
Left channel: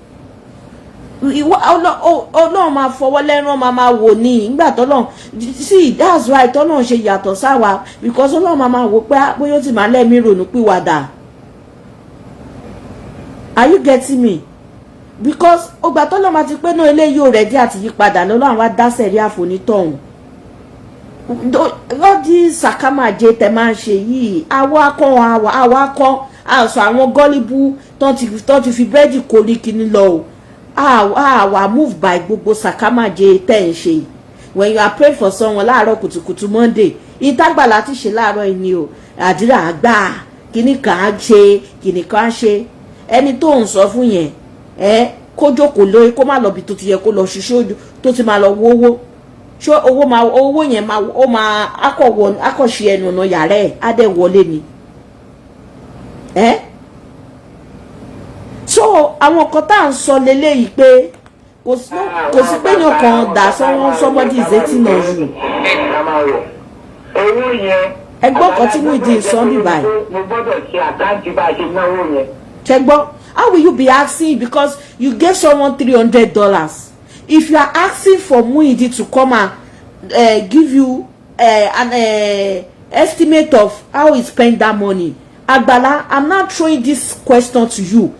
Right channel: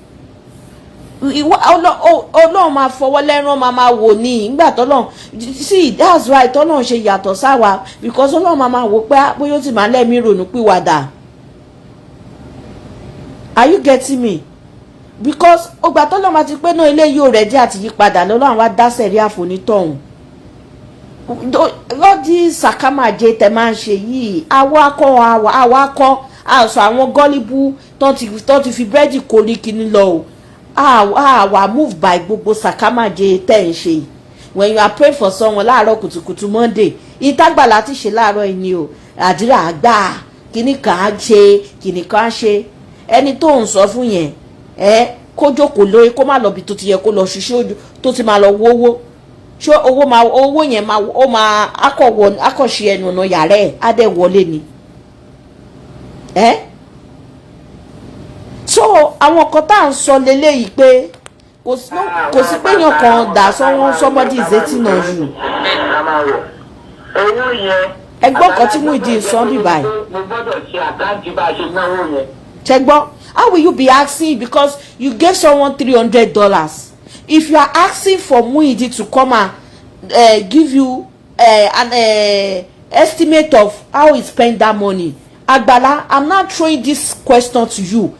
Ọlọ́run máa fọwọ́ lẹ́rán máa wò ní ìgbà tọ́lọ́run. See, that's right, tọ́lọ́run ṣe yàtọ̀ sáwa, because Ọlọ́run máa wò pé bóyá ó ti máa lẹ́mí ronú pìwàdà. Are you getting me? Because ọgbà tọ́lọ́run máa ti pé náà eléyìí ò rẹ̀ dí àti yípadà lọ́lọ́run wá dá sẹ̀rí àfonítọ̀hún. Lọ́dí sàkámàjẹ tẹ̀ máa ń ṣe yìí, àwa kọ́ àṣọ àwọn gọ́líbù tó ti fi búrẹ́dì kó ní kíní lọ o. Àwa move by gbogbo sàkámàjẹ tẹ̀ ń ṣe. When you are praying for someone láàárọ̀ kùtùkùtù Monday, ìtagbàlá ti ṣe láàárọ̀ ẹni o, àdúrà àgbà kíní kan á ṣe kíní kan á ṣe. Ẹni tó ń sọ fún yẹn kó jókòó lórí, kó má lọ bí tó ti yẹ kó lọ ṣiṣẹ́ ojú tó ti máa lọ wówó. Ṣé owó yẹn máa akọ̀ṣe ẹnu ọ̀nà yàrá ẹ̀ á dẹ̀ wọlé ni? So àwọn kan tá à ń sọ leléyìí pé kò sí pé yàn kan dà sọ́wọ́n somebody is dating on you. Ẹgbọ́n kan tí Muideen sọ ní báyìí. Mo gbọ́dọ̀ ṣe àkáǹtì bá a ṣe náwó yẹn. Ṣẹ́gbọ́n, how will you be asking because you gave someone $300? If you are asking for Muideen to come and give you an estimate of how he spent that money, Agbala, I'm not throwing this question to you.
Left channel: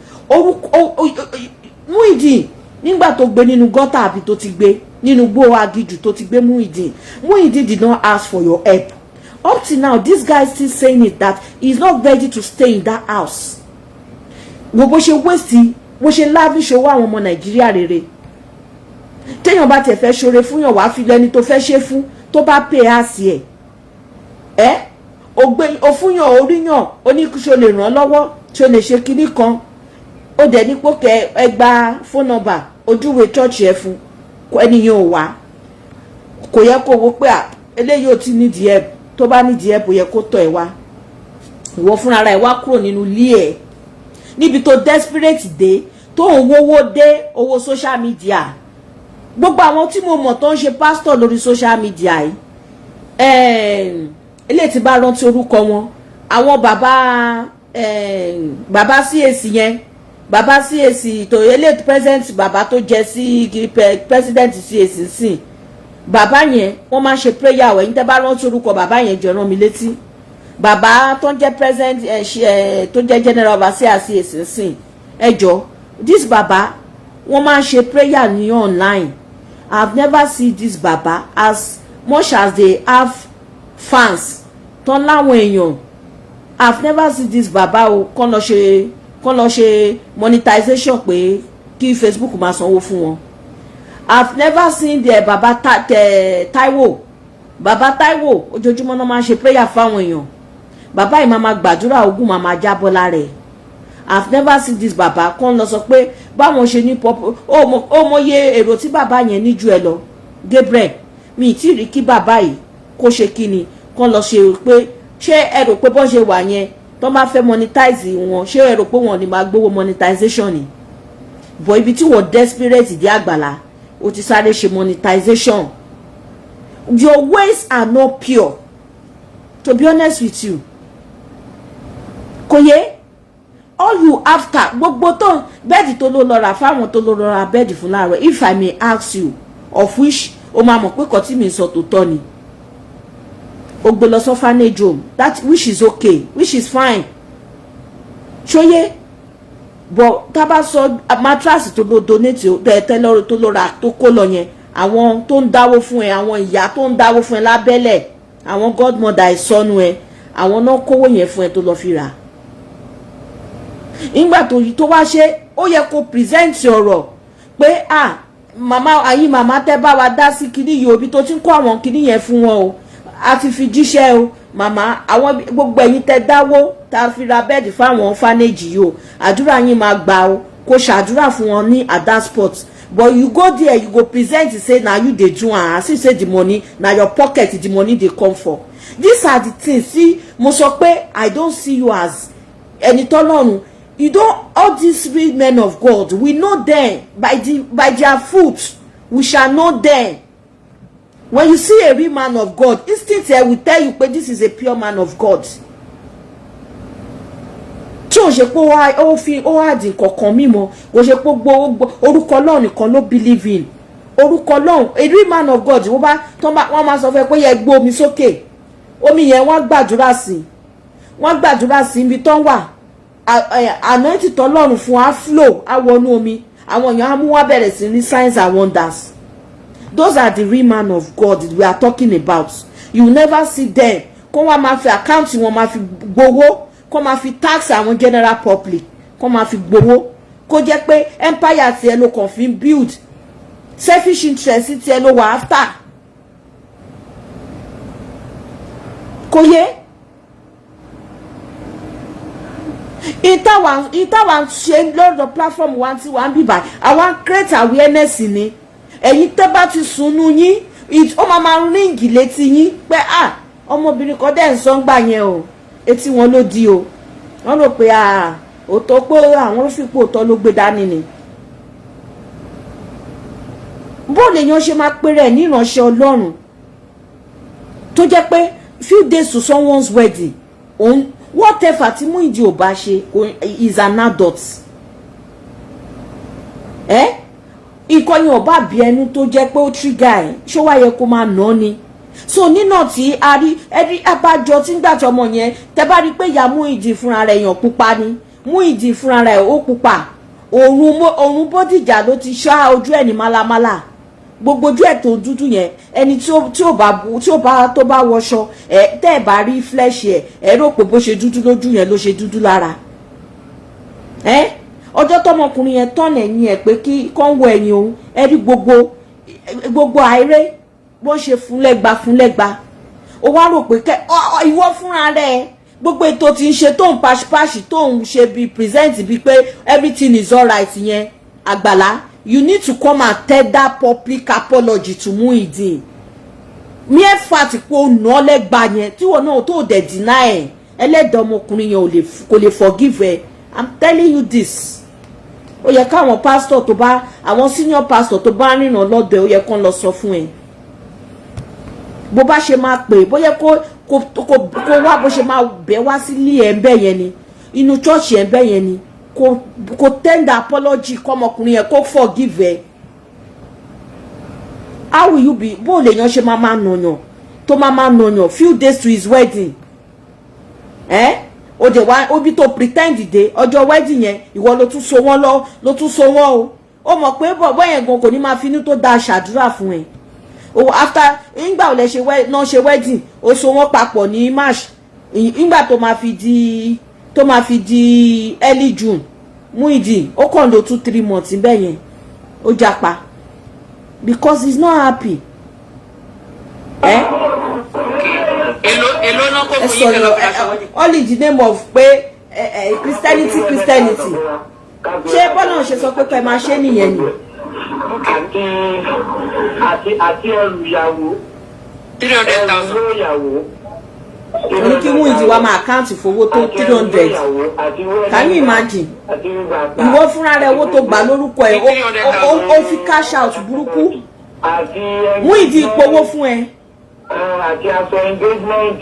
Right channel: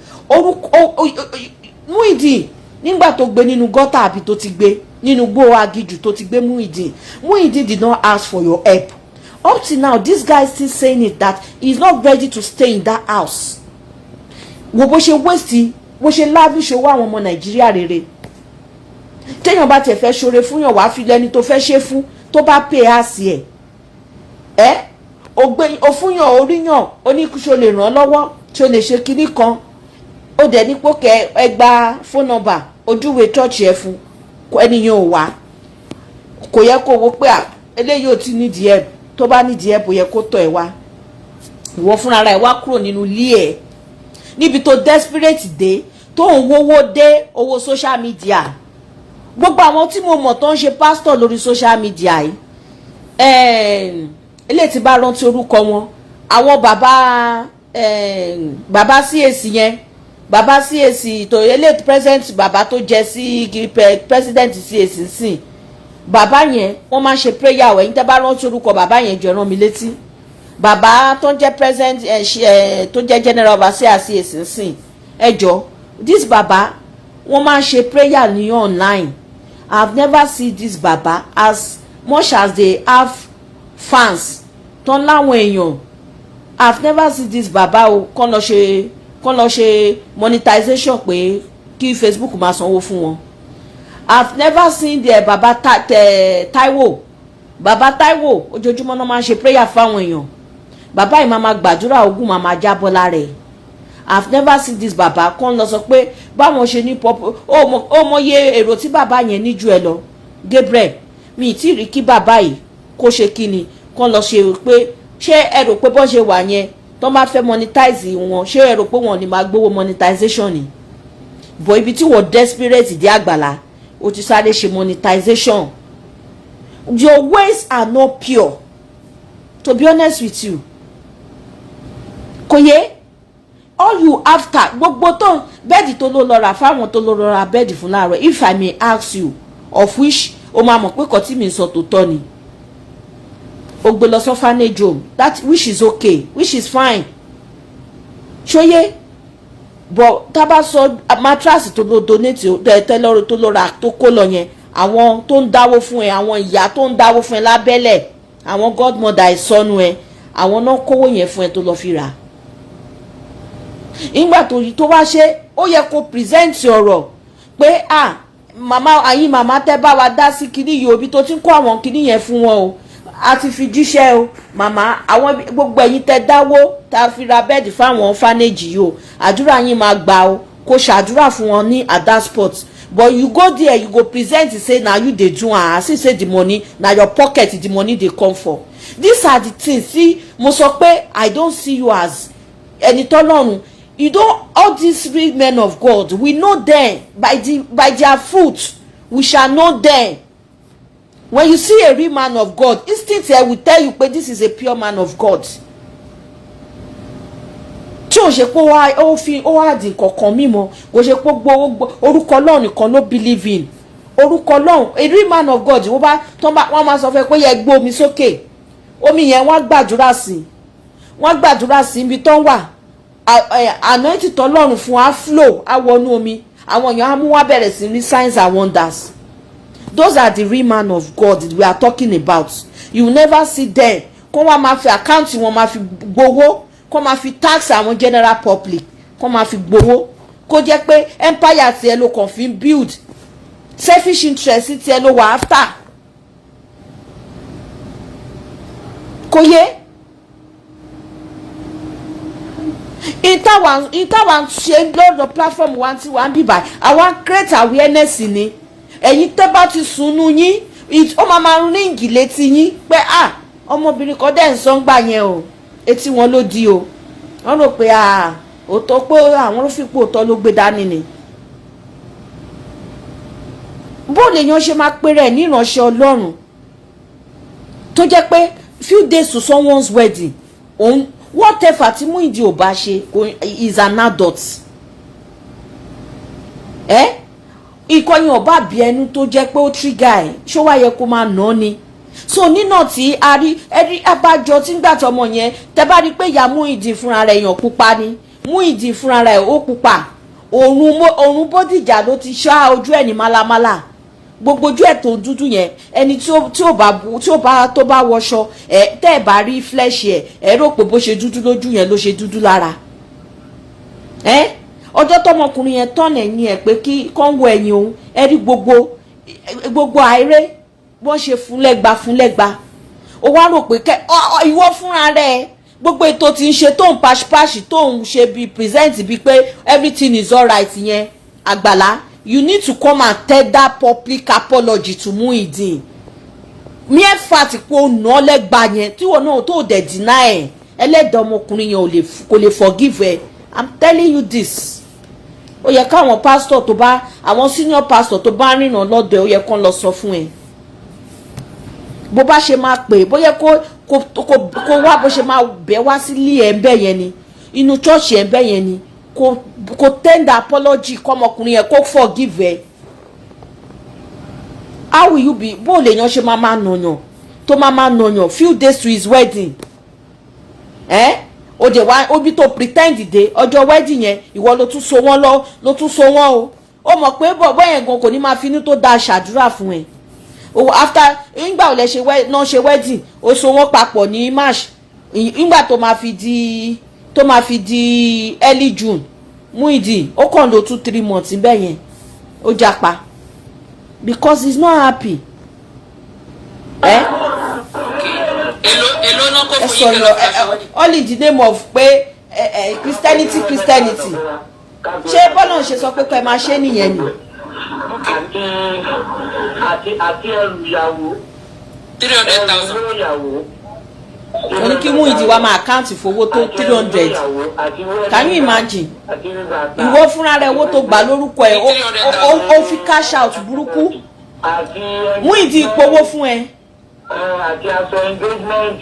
Muideen, nígbà tó gbé nínú gọ́tà àbí tó ti gbé nínú gbó agijù tó ti gbé Muideen did not ask for your help. Up to now, this guy is still saying it that he's not ready to stay in that house. Wo bó ṣe waste, bó ṣe láàbí ṣe wá àwọn ọmọ Nàìjíríà rere. Téèyàn bá tẹ̀ fẹ́ ṣoore fún yàn wá fi lẹ́ni tó fẹ́ ṣe fún tó bá pè á sí ẹ̀. O fún yàn oríyàn oníkúṣe lè ràn lọ́wọ́ tí o lè ṣe kinní kan. Ó dẹ̀ ní pókẹ́ ẹ gba phone number ojúwe church ẹ fún ẹnìyàn ò wá. Kò yẹ kó wo pé eléyìí ò tí nídìí ẹ̀, tó bá nídìí ẹ̀ bó yẹ kó tọ̀ ẹ̀ wá. Ìwọ fúnra rẹ̀ wá kúrò nínú ilé ẹ̀. Níbi tó desperate dé tó ń wówó dé owó social media. Gbogbo àwọn tí mo mọ̀ tó ń ṣe pastor lórí social media yìí, ilé tí bá rántí orúkọ wọn, àwọn bàbá CAC yẹn, bàbá CAC tó elite president, bàbá tó jẹ sí president CAC sí, bàbá yẹn wọ́n máa ń ṣe prayer wẹ̀. Ní tẹ́ bá rántí orúkọ bàbá yẹn jọ rán mi létí. Bàbá tó ń jẹ́ president tó jẹ́ general overseer CAC sí, this bàbá wọ́n máa ń ṣe prayer ní online. I've never seen this baba as much as they have fans tó láwọn èèyàn. I've never seen this baba o kàn lọ ṣe monetization pé kí Facebook máa sanwó fún wọn. I've never seen the baba Taiwo. Baba Taiwo ojoojúmọ́ náà máa ń ṣe prayer fáwọn èèyàn. Baba yìí máa gbàdúrà ogun máa jábọ́ lára ẹ̀. I've never seen this baba kàn lọ sọ pé báwọn ṣe ní pop ó mọye èrò tí bàbá yẹn ní ju ẹ lọ. Gabriel, mi ì tí rí kí bàbá yìí kó ṣe kíni kàn lọ ṣe pé ṣé ẹ rò pé bọ́n ṣe wà yẹn tó máa fẹ́ monetize wọn, ṣé ẹ rò pé wọn ò ní máa gbowó monetization ni? but ibi tí wọ́n desperate dé Agbala ó ti sáré ṣe monetization. Your ways are not pure, to be honest with you. Koye, all you after gbogbo tó bẹ́ẹ̀dì tó ló lọ rà fáwọn tó ló lọ rà bẹ́ẹ̀dì fún láàárọ̀, if I may ask you, of which o máa mọ̀ pé kò tí mi sọ tó tọ́ ni. O gbé lọ orphanage home, that which is okay, which is fine. Ṣóyé, but tá bá sọ mattress tó ló donate tẹ́lọ́rọ̀ tó ló rà tó kó lọ yẹn, àwọn tó ń dáwó fún ẹ, àwọn ìyá tó ń dáwó fún ẹ lábẹ́lẹ̀, àwọn godmother ìsọnù ẹ, àwọn náà kówó yẹn fún ẹ tó lọ fi rà. Ìgbà tó wá ṣe ó yẹ kó present ọ̀rọ̀ pé màmá ayé màmá tẹ́ bá wa dá sí kinní yìí òbí tó ti ń kó àwọn kinní yẹn fún wọn o, a ti fi jíṣẹ́ o màmá, àwọn gbogbo ẹ̀yin tẹ́ dáwó tá fi ra bẹ́ẹ̀dì fáwọn orphanage yìí o, àdúrà yín máa gbà o, kó ṣàdúrà fún wọn ní at that spot. But you go there, you go present to say na you dey do am, as you say the money na your pocket the money dey come for. These are the things. See, mo sọ pé I don't see you as ẹni tọ́lọ́run. You know, all these real men of God, we know them by their fruit. We shall know them. When you see a real man of God, instinct will tell you, but this is a pure man of God. Tí o ṣe pé ó wá di kankan mímọ́, o ṣe pé gbogbo orúkọ Ọlọ́run nìkan ló believe in. Orúkọ Ọlọ́run, a real man of God, wọ́n máa sọ fún ẹ pé yẹ gbé omi sókè. Omi yẹn wọ́n gbàdúrà sí. Wọ́n gbàdúrà sí ibi tó ń wà. Anointing tọ́lọ́run fún wa flow, á wọnú omi. Àwọn èèyàn á mú wá bẹ̀rẹ̀ sí ní signs and wonders. Those are the real man of God we are talking about. You never see them. Kó wá máa fi account wọn máa fi gbowó. Kó máa fi tax àwọn general public. Kó máa fi gbowó. Kó jẹ́ pé empire ti ẹ ló kàn fi build. Selfish interest ti ẹ ló wà after. Kò yé. Ìtàwọn ṣe lọ́dọ̀ platform wa tí wọ́n ń bíbà. Àwọn create awareness ni. Ẹ̀yin tẹ́ bá ti sunú yín, ó máa ríǹgì létí yín pé ọmọbìnrin kan dẹ̀ ń sọ ń gbà yẹn o, etí wọn ló di o. Wọ́n rò pé òótọ́ pé àwọn fipò òótọ́ ló gbé dání ni. Bó lèèyàn ṣe máa pè rẹ̀ ní ìránṣẹ́ Ọlọ́run tó jẹ́ pé few days to someone's wedding, whatever tí Muideen ò bá ṣe is an adult. Ìkọyìn ọba bí ẹnu tó jẹ́ pé ó trigger ẹ̀ ṣó wá yẹ kó máa nà ni. So nínà tí a rí ẹbí abájọ tí ń gbà tọmọ yẹn tẹ́ bá rí pé ìyá Muideen fúnra rẹ̀ èèyàn pupa ni. Muideen fúnra rẹ̀ ó pupa. Òun Bódìjà ló ti ṣá ojú ẹ̀ ní málámálá. Gbogbo ojú ẹ̀ tó dúdú yẹn ẹni tó bá wọṣọ tẹ́ ẹ̀ bá rí flesh ẹ̀ rò pé bó ṣe dúdú lójú yẹn ló ṣe dúdú lára. Ọjọ́ tọmọkùnrin yẹn tọ́nà ẹ̀yìn ẹ̀ pé kí kán wọ ẹ̀yìn òun ẹ rí gbogbo àìrè wọ́n ṣe fúnlẹ́gba. Ó wá rò pé ìwọ fúnra rẹ̀ gbogbo ètò tí ń ṣe tó ń pàṣípàṣì tó ń ṣe bí present bí pé everything is alright yẹn Agbala, you need to come and tender public apology to Muideen. Mere fact pé ó nà ọ́ lẹ́gba yẹn tí wọn náà tó dẹ̀ deny ẹ̀ ẹlẹ́dàá ọmọkùnrin yẹn kò lè forgive ẹ. I'm telling you this. Ó yẹ káwọn pastor tó bá àwọn senior pastor tó bá rìnrìn lọ́dọ̀ ó yẹ kán lọ sọ fún ẹ. Bó bá ṣe máa pè bóyá kó wá bó ṣe máa bẹ̀ wá sílé ẹ̀ ń bẹ̀ yẹn ni inú church ẹ̀ ń bẹ̀ yẹn ni kó tender apology kọ́mọkùnrin yẹn kó forgive ẹ. How will you be bó lèèyàn ṣe máa nàyàn tó máa nàyàn few days to his wedding. O de wa obi tó pretend dé ọjọ́ wedding yẹn ìwọ ló tún so wọ́n o. Ó mọ̀ pé bọ̀bọ́ yẹn gan kò ní máa finú tó da ṣàdúrà fún ẹ. After ìgbà ò lè ṣe wedding ó so wọ́n papọ̀ ní March ìgbà tó máa fi di early June Muideen ó kàn lò 2-3 months bẹ́ẹ̀ yẹn ó japa because he's not happy. Èló náà kò fún yín kẹlọ fún all in the name of pé Christianity. Ṣé bọ́lá ṣe sọ pé kẹ́ máa ṣe nìyẹn ni. Àti ẹrù ìyàwó 300,000. Ní kí Muideen Muideen wa máa àkáǹtì fowó tó 300. Can you imagine? Ìwọ fúnra rẹ̀ owó tó gbà lórúkọ ẹ̀ ó fi cash out burúkú. Muideen powó fún ẹ. Àti aṣọ engagement.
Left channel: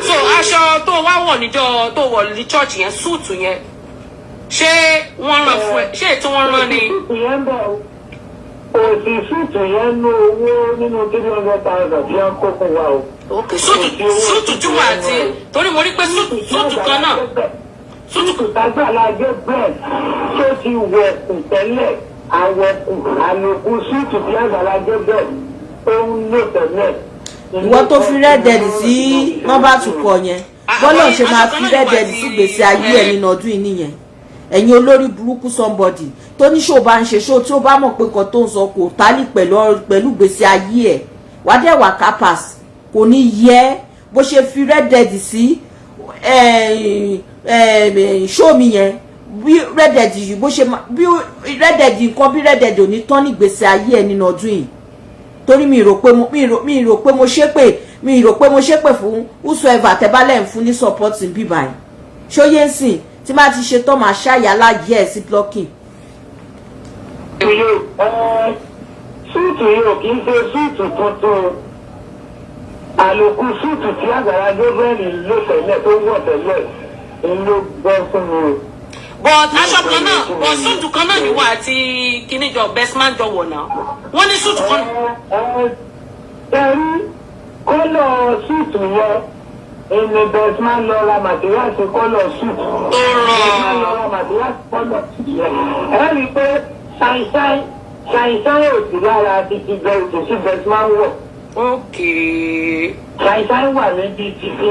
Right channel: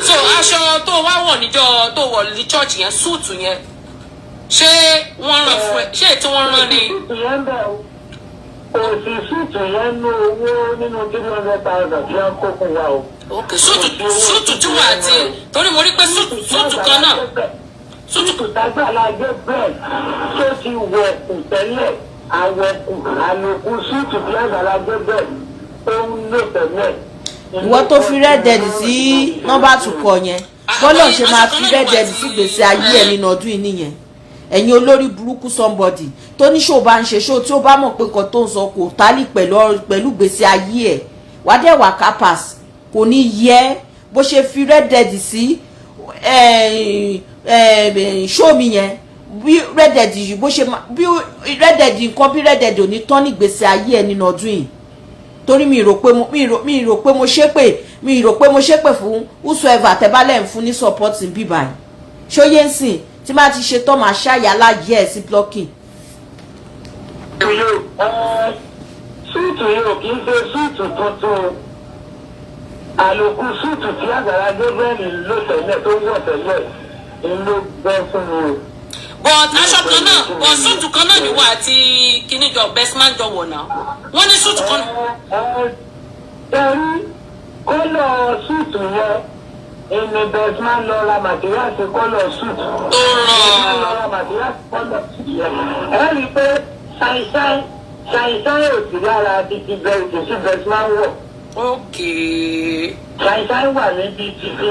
So aṣọ tó wá wọ̀ níjọ́ tó wọ̀ ní church yẹn suit yẹn ṣé wọ́n rán fún ẹ ṣé ètò wọ́n rán ni. Òsì suit yẹn ní owó nínú 300,000 tí wọ́n kó fún wa o. Ok suit tí wà àti torí mo rí pé suit kan náà. Suit Agbala Gabriel tó ti wọ̀ kù tẹ́lẹ̀ àwọ̀kù àlòkù suit tí Agbala Gabriel tó ń lò tẹ́lẹ̀. Ìwọ tó fi rẹ́dẹ̀dì sí nọ́mbà tukọ̀ yẹn bọ́lọ̀ ṣe máa fi rẹ́dẹ̀dì sí gbèsè ayé ẹ̀ nínú ọdún yìí nìyẹn. Ẹ̀yin olórí burúkú somebody tó ní ṣó bá ń ṣe ṣó tí ó bá mọ̀ pé kan tó ń sọ kò tálì pẹ̀lú gbèsè ayé ẹ̀ wá dẹ̀ wà kápás kò ní yẹ bó ṣe fi rẹ́dẹ̀dì sí ṣó mi yẹn bí rẹ́dẹ̀dì yìí bó ṣe bí rẹ́dẹ̀dì nǹkan bí rẹ́dẹ̀dì ò ní tán ní gbèsè ayé ẹ̀ nínú ọdún yìí. Torí mi rò pé mo ṣépè fún whosoever tẹ́bálẹ̀ ń fún ní support ń bíbá ẹ̀ ṣóyé ń sìn tí má ti ṣe tán máa ṣáyà láyé ẹ̀ sí blocking. Súùtù yìí ò kì í ṣe súùtù tuntun àlòkù súùtù tí Agbala Gabriel lò tẹ́lẹ̀ tó wọ̀ tẹ́lẹ̀ ló gbọ́ fún mi. But aṣọ kan náà but suit kan náà ni wà àti kíní jọ best man jọ wọ̀ náà wọ́n ní suit kan. Ẹ̀rí kọ́lọ̀ súùtù yẹn èmi best man lọ ra materials kọ́lọ̀ suit. Tó rán. Lọ ra materials kọ́lọ̀ suit yẹn. Ẹ rí i pé ṣàìṣàì ò sí lára títí bẹ́ẹ̀ tó sí best man wọ̀. Ok. Ṣàìṣàì wà níbi títí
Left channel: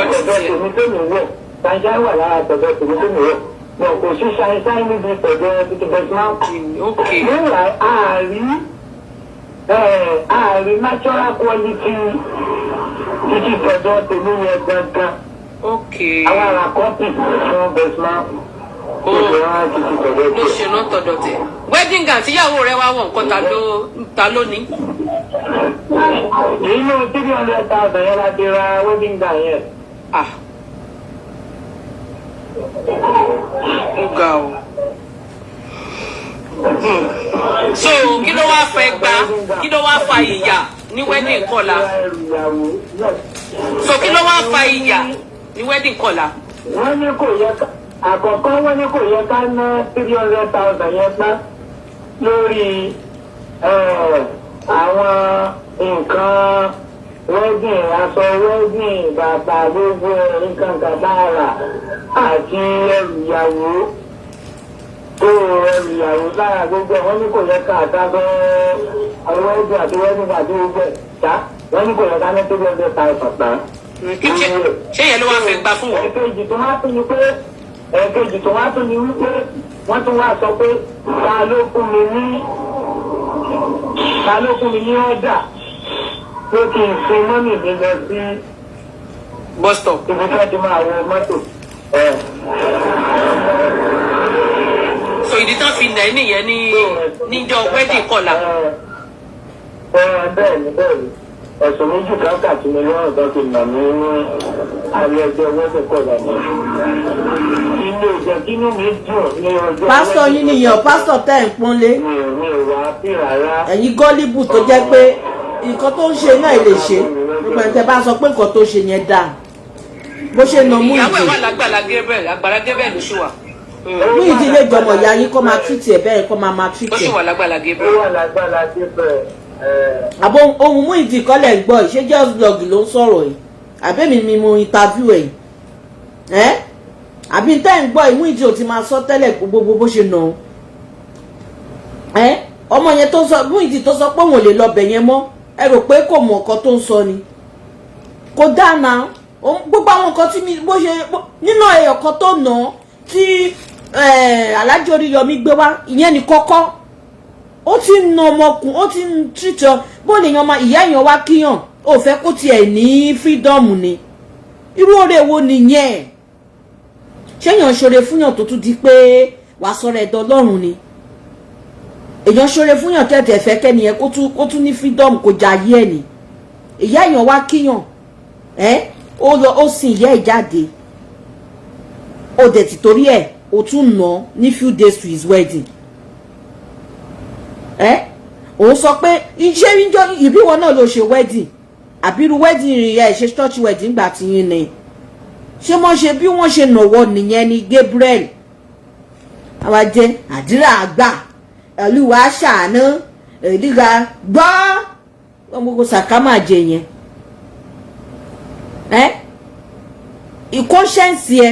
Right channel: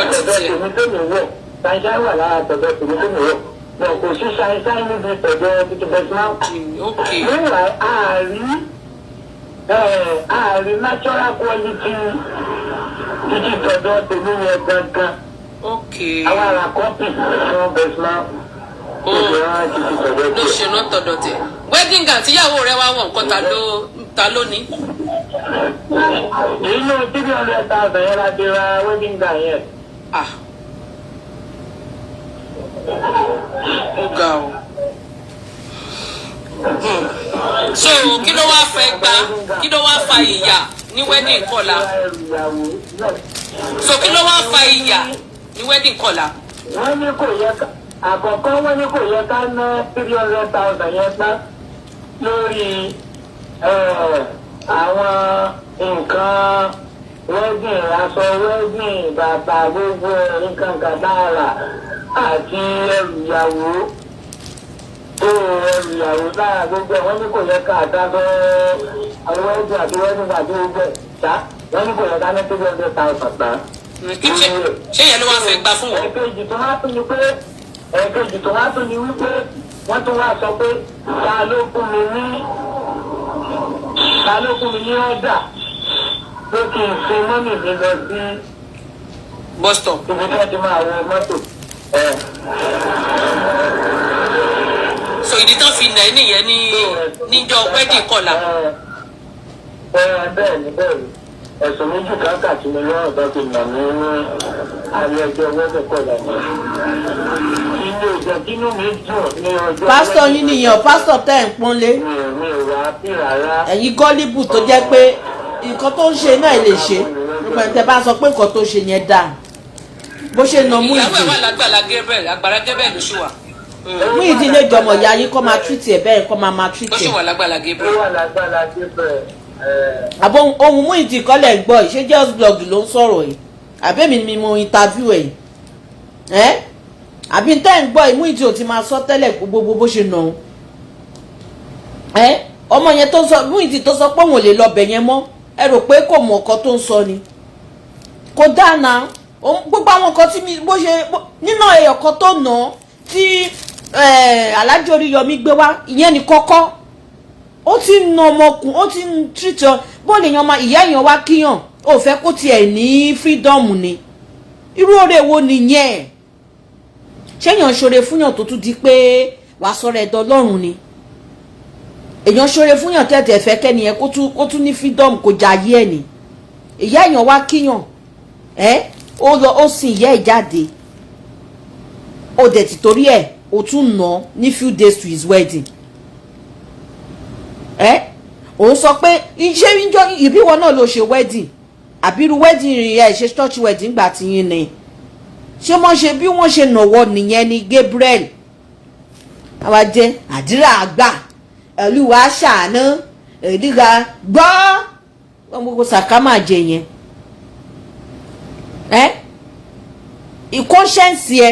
ọ̀dọ̀ tèmi tó mi wọ̀. Ṣàìṣàì wà lára tọ̀dọ̀ tèmi tó mi wọ̀. Wọn kò sí ṣàìṣàì níbi tọ̀dọ̀ títí best man. Ok. Níwà ààrí natural quality títí tọ̀dọ̀ tèmi yẹn gangan. Ok. Àwọn ará kọ́pì fún best man. Ló ṣe náà tọ̀dọ̀ tẹ̀. Wedding gown tíyàwó rẹ̀ wá wọ̀ nǹkan ta ló ní. Nínú 300,000 yẹn la ti ra wedding gown yẹn. Ó ga o. So kí ló wá fẹ́ gbà kí ló wá fa ìyà ní wedding kọ́la. So kí ló wá fa ìyà ní wedding kọ́la. Wọ́n ní kò yẹ ká àkọ́kọ́ wọ́n ní kò yẹ ká ná 300,000 yẹn tán lórí àwọn nǹkan wedding aṣọ wedding bàtà gbogbo nǹkan kàdáàrà àti ẹrù ìyàwó lára gbogbo wọ́n ní kò yẹ ká àtàkọ́ àwọn wedding àti wedding àti gbogbo ṣá wọ́n ní kò yẹ ká ná 300,000 tán. Ṣé yẹn ló wá fẹ́ gbà fún wọn? Ẹ̀kejì tó wá tún ni wípé wọ́n tún wá sọ pé ta ló fún mi ní ọ̀dà pé kí n fi mọ́mì mi lọ sí bus stop. Ibi tí wọ́n ti máa wọ mọ́tò. So ìdí tán fi nà ẹ́ nìyẹn níjọ́ wedding kọ́la. Bẹ́ẹ̀ni ẹ̀sùn méjì káàkiri mi lọ́rùn tó ti nà mí ní alẹ́ ẹjọ́ wedding kọ́la mi. Ilé ìjọ kínú mi dùn ní ọjọ́. Pásítọ̀ yín nìyẹn pásítọ̀ tẹ́ ẹ̀ ń pọ́nlé. Mi ò wá sí rárá. Ẹ̀yin gọ́líbù tó jẹ́ pé nǹkan tó ń ṣe náà lè ṣe nígbà tí ẹ bá sọ pé nǹkan tó ṣe yẹn dáa bó ṣe nà Muideen. Ìyàwó ẹ̀ wà lágbàlá Gabriel Agbala Gabriel ló ṣì wà. Muideen lè jọmọ ìyá yín kọ́ máa tìtì ẹ̀ bẹ́ẹ̀ kọ́ máa tìtì Ó ṣì ẹ̀. wà lágbàlá Ó Gabriel. wà lágbára Gabriel. Àbọ̀ ohun Muideen kọ́lẹ̀ ń gbọ́ ṣé just blog ló ń sọ̀rọ̀ yìí àbẹ́mi ni mo interview ẹ̀ àbí tẹ́ ń gbọ́ Muideen ò ti máa sọ tẹ́lẹ̀ gbogbo bó ṣe nà ó ọmọ yẹn tó sọ Muideen tó sọ pé òun ò lè lọ bẹ̀ yẹn mọ́ ẹ rò pé kò mọ̀ nǹkan tó ń sọ ni kò dáná gbogbo àwọn nǹkan tí bó ṣe nínú ẹyọ kan tó nà tí Alhaji Oríyọmí gbé wá ìyẹn ní kọ́kọ́ ó ti ń na ọmọkùn ó ti ń tìjọ bó lè yan ìyá èèyàn wá kíyàn ó fẹ́ kó tiẹ̀ ní freedom ni irú oore wo nìyẹn ṣéyàn ṣoore fúnyàn tó tún di pé wàá sọ̀rọ̀ ẹ̀dọ̀ Ọlọ́run ni èèyàn ṣoore fún yàn tẹ̀tẹ̀ fẹ́ kẹ́ni yẹn kó tún ní freedom kò jayé ẹ̀ ni ìyá èèyàn wá kíyàn ó lọ ó sin ìyá ẹ̀ jáde ó dẹ̀ ti torí ẹ̀ ó tún ná ní few days to his wedding òun sọ pé ṣé ìbíwọ náà ló ṣe wedding àbírú wedding ìyá ẹ̀ ṣe church wedding gbà tí yín ni ṣé wọ́n ṣe bí wọ́n ṣe nàwọ́ nìyẹn ni Gabriel àwa jẹ́ àdúrà àgbà Olúwa ṣàánú èdìgà gbọ́ gbogbo sàkámà jẹ yẹn ìkọ́ṣẹ́ǹsì ẹ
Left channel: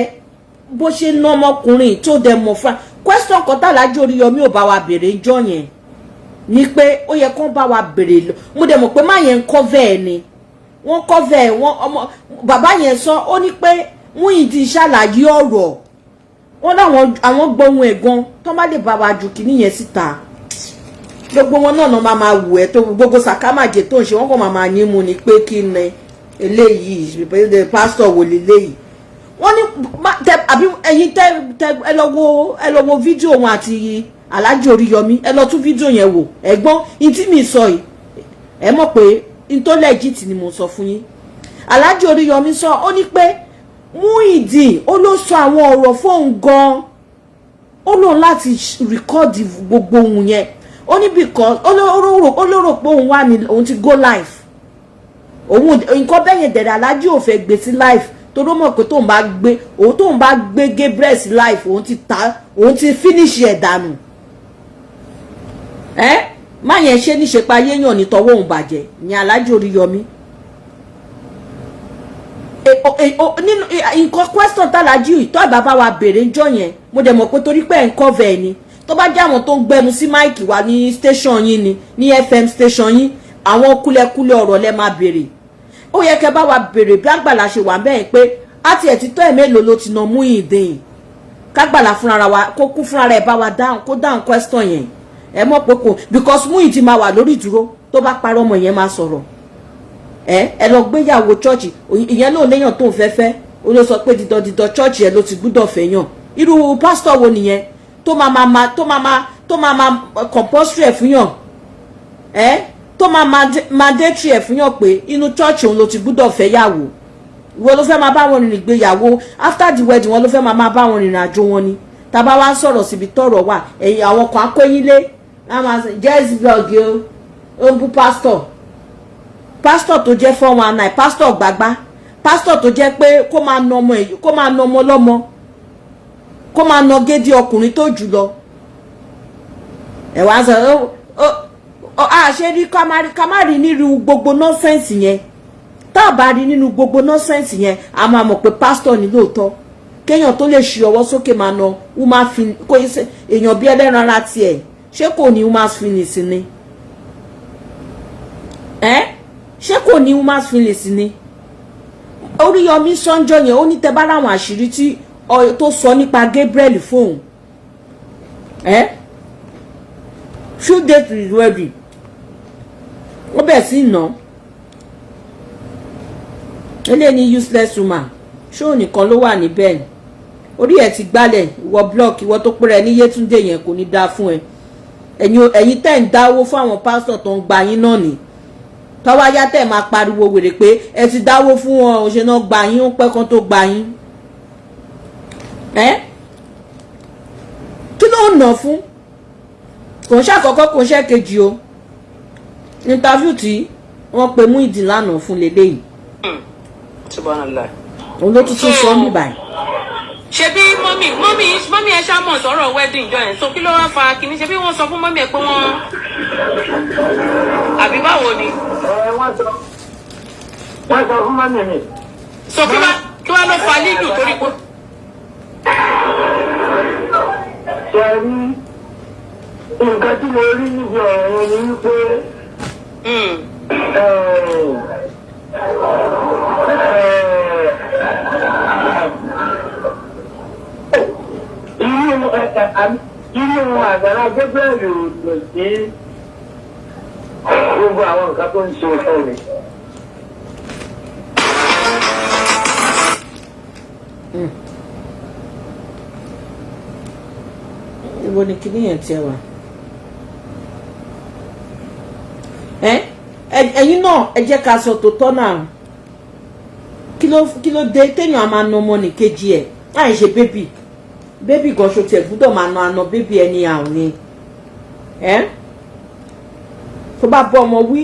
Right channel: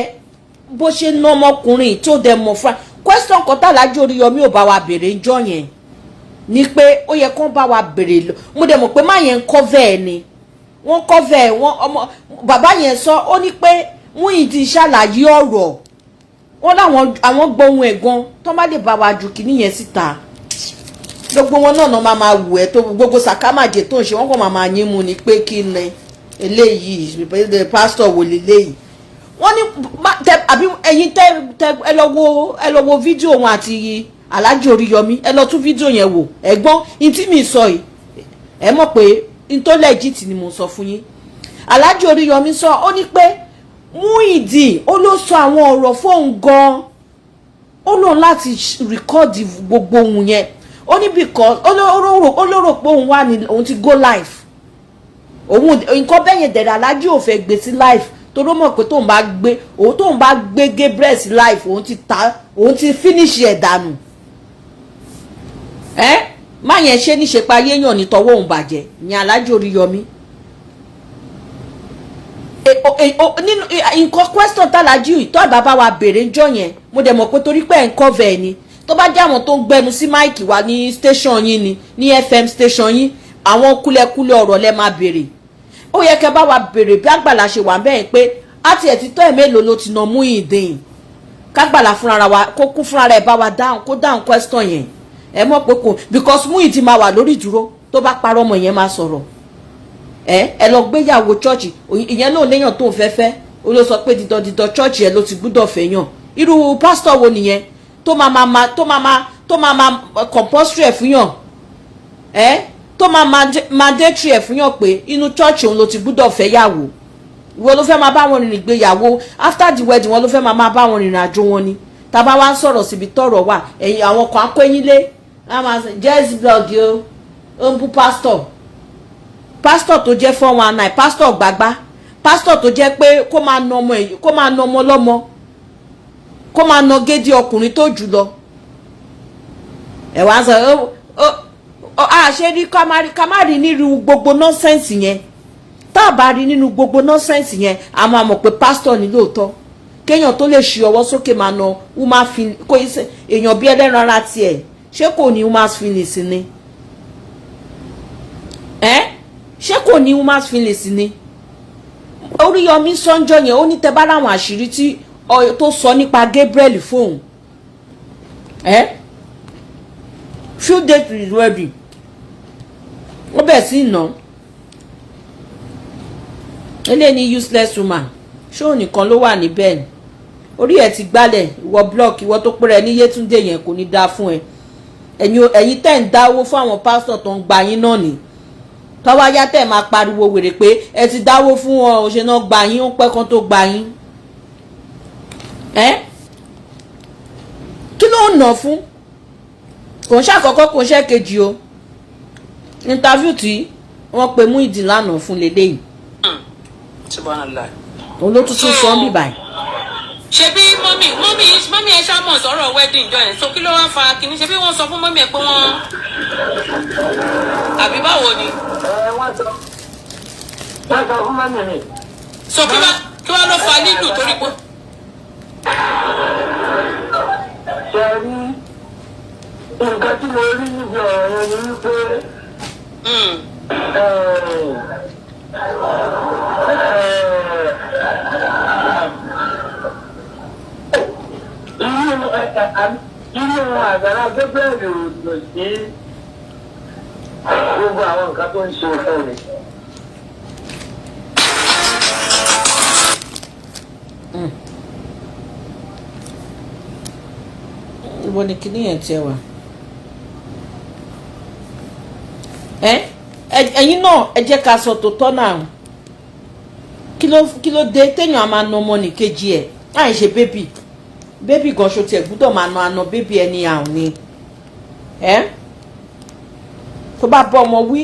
bó ṣe ná ọmọkùnrin tó dẹ̀ mọ̀ fún question kan tàlájú Oríyọmí ò bá wa béèrè ńjọ́ yẹn ni pé ó yẹ kó bá wa béèrè mo dẹ̀ mọ̀ pé má yẹn ń cover ẹ̀ ni wọ́n cover ẹ̀ wọ́n ọmọ bàbá yẹn sọ ó ní pé Muideen ṣàlàyé ọ̀rọ̀ wọ́n láwọn àwọn gbóhùn ẹ̀ gan tó má lè bá wa jù kìíní yẹn síta gbogbo wọn náà máa wù ẹ́ tó gbogbo sàkámàjẹ tó ń ṣe wọ́n kàn máa yín mu ni pé kí ni eléyìí pásítọ̀ wò léléyìí wọ́n ní àbí ẹ̀yin ẹ lọ wo fídíò wọn àti Alhaji Oríyọmí ẹ lọ tún fídíò yẹn wò ẹ̀gbọ́n ìtí mi sọ yìí ẹ mọ̀ pé ìtó legit ni mo sọ fún yín Alhaji Oríyọmí sọ ó ní pé Muideen ó ló sọ àwọn ọ̀rọ̀ fóun gan ó lóun láti rìkọ́ọ̀dì gbogbo ohun yẹn ó ní because ó lórò pé òun wà ní òun ti go live òun nǹkan bẹ́yẹn dẹ̀dẹ̀ Alhaji ò fẹ́ gbé sí live tó ló mọ̀ pé tóun bá gbé Gabriel sí live òun ti finish ẹ̀ dànù má yẹn ṣe níṣe pa yéèyàn ní tọwọ́ òun bàjẹ́ ní Alhaji Oríyọmí nínú nǹkan question tàlájú tó bàbá wa béèrè ńjọ́ yẹn mo dẹ̀ mọ̀ pé torí pé ẹ̀ ń cover ẹ̀ ni tó bá jẹ́ àwọn tó ń gbẹnu sí máìkì wa ní station yín ni ní FM station yín àwọn kúlẹ̀kúlẹ̀ ọ̀rọ̀ lẹ máa béèrè ó yẹ kẹ́ bá wa béèrè bí Àgbàlá ṣe wà bẹ́ẹ̀ pé àti ẹ̀ ti tọ́ ẹ̀ mélòó ló ti nà Muideen k'Àgbàlá fúnra wa kó kú fúnra rẹ̀ bá wa dáhùn question yẹn ẹ mọ̀ pé kò because Muideen máa wà lórí ìdúró tó bá parọ́ ọmọ yẹn máa sọ̀rọ̀ ẹ lọ gbéyàwó church ìyẹn náà léyàn tó ń fẹ́fẹ́ ó ló sọ pé dídọ̀ church yẹn ló ti gbúdọ̀ fẹ́yàn irú pásítọ̀ wo nìyẹn tó máa compulsory ẹ̀ fúnyàn tó máa mandatory ẹ̀ fúnyàn pé inú church òun ló ti gbúdọ̀ fẹ́yàwó ìwọ ló fẹ́ máa bá wọn rìnrìn ìgbéyàwó after the wedding wọn ló fẹ́ máa bá wọn rìnrìn àjò wọn ni tàbá wá ń sọ̀rọ̀ síbi tọ̀rọ̀ wà ẹ̀yìn àwọn kan akóyínlé jẹ́ blog ó ń bú pásítọ̀ tó jẹ́ 419 pásítọ̀ gbàgbá pásítọ̀ tó jẹ́ pé kó máa na ọmọ lọ́mọ kó máa na gédé ọkùnrin tó jù lọ ẹ wá sọ àṣẹ rí ká má rí nínú gbogbo nọ́sẹ̀nsì yẹn tá a bá rí nínú gbogbo nọ́sẹ̀nsì yẹn a máa mọ̀ pé pásítọ̀ ní lóòótọ́ kéèyàn tó lè ṣe ọwọ́ sókè máa na woman fin kó èèyàn bí ẹlẹ́ran ara tiẹ̀ ṣé kò ní woman feelings ni ṣé kò ní woman feelings ni Oríyọmí sọ́njọ́ yẹn ó ní tẹ́ bá ráwọn àṣírí tí tó sọ nípa Gabriel fóun few days to his wedding ó bẹ̀ sí ìná eléyìí useless woman ṣóò nìkan ló wà níbẹ̀ ni orí ẹ̀ ti gbálẹ̀ ìwọ block ìwọ tó pẹ́rẹ́ ní Yétúndé yẹn kò ní dáa fún ẹ ẹ̀yin tẹ́ ń dáwó fún àwọn pásítọ̀ tó ń gba yín náà ni tọ́wọ́ ayá tẹ̀ máa pariwo wèrè pé ẹ ti dáwó fún wọn òṣèlú náà gba yín ó pẹ́ kan tó gba yín kí ló ń nà fún kò ń ṣàkọ́kọ́ kò ń ṣe kejì o interview tí wọ́n pe Muideen lánàá fún lélẹ́yìí òun ló tún tún sọ ń bíbà. ṣebí mọ́mí ẹ ṣàmọ̀ sọ̀rọ̀ wedding jọ yẹn so kí ló wá fa kínní ṣebí wọ́n sọ fún mọ́mí ẹ pé wọ́n àbí báwo ni. wọ́n sọ fún mọ́mí mi. so kí wá ló fa lílù torí pé. ṣe rí nǹkan tí mo rí níbi ọ̀rọ̀ yẹn ni wípé irú Àgbàlá Gabriel lò sí gbogbo àwọn nǹkan tó ń ṣe fún mi. Ibo ni kíní yẹn tiẹ̀ wà? ẹ̀yin náà ẹ jẹ́ ká sọ tòótọ́ náà kí ló dé téèyàn á máa na ọmọ nìkejì ẹ̀ láì ṣe bébì gan ṣo tiẹ̀ gbúdọ̀ máa na àna bébì ẹni àrùn ni tó bá bọ́ ọmọ wí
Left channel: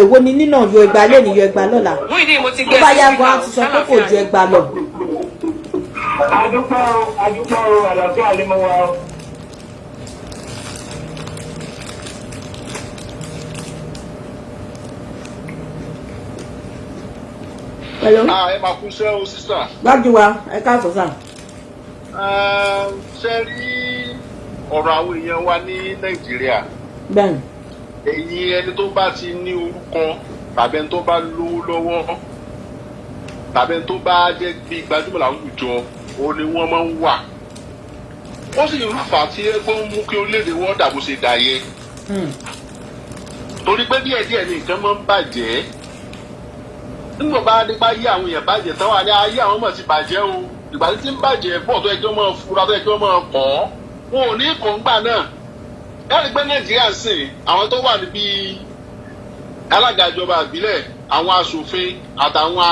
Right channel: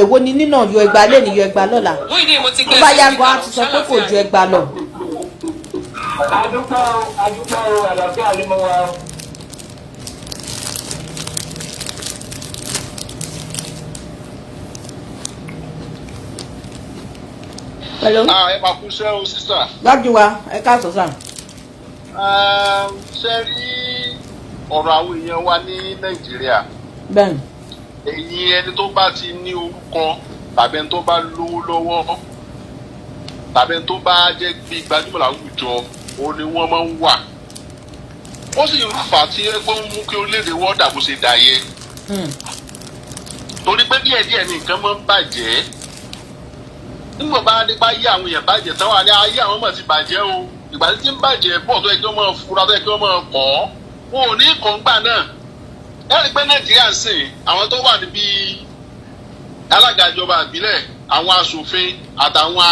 èwo ni nínà yọ ẹgbàá lẹ́nu yọ ẹgbàá lọ́la tó bá yá gan ti sọ pé kò ju ẹgbàá lọ. adúpẹ́ o àlàáfíà lè mọ wa o. Hello. Ẹ máa kú iṣẹ́ o sísà. Dájú wa ẹ káàsọ̀ sà. Ṣe rí ọ̀rọ̀ àwọn èèyàn wa ní Nàìjíríà. Bẹ́ẹ̀ni. Èyí ẹni tó bá ti ní orúkọ tàbí ẹni tó bá lówó lọ́wọ́ tàbí ẹni tó bá jẹ́ bí gbajúmọ̀ láwùjọ òun ni wọ́n máa ń wà. Ó sì ń fà á tí ẹgbẹ́ ń mú kí orílẹ̀-èdè wọ́n dà bó ṣe dà yẹ. Torí pé díẹ̀díẹ̀ ni nǹkan máa ń bàjẹ́. Nígbà bá dé bá yé àwọn èèyàn bàjẹ́ tán wà ní ayé àwọn ọmọ ti bàjẹ́ o. Ìgbà tí ń bàjẹ́ pọ̀ tó yẹ kí wọ́n máa fura tó yẹ kí wọ́n máa kọ́. Wọn ò ní kọ̀ǹgbà náà. Ẹ̀rí pé Nàìjíríà ń sìn àwọn tó wà níbi alága ìjọba ìbílẹ̀ àwọn aṣòfin àtàwọn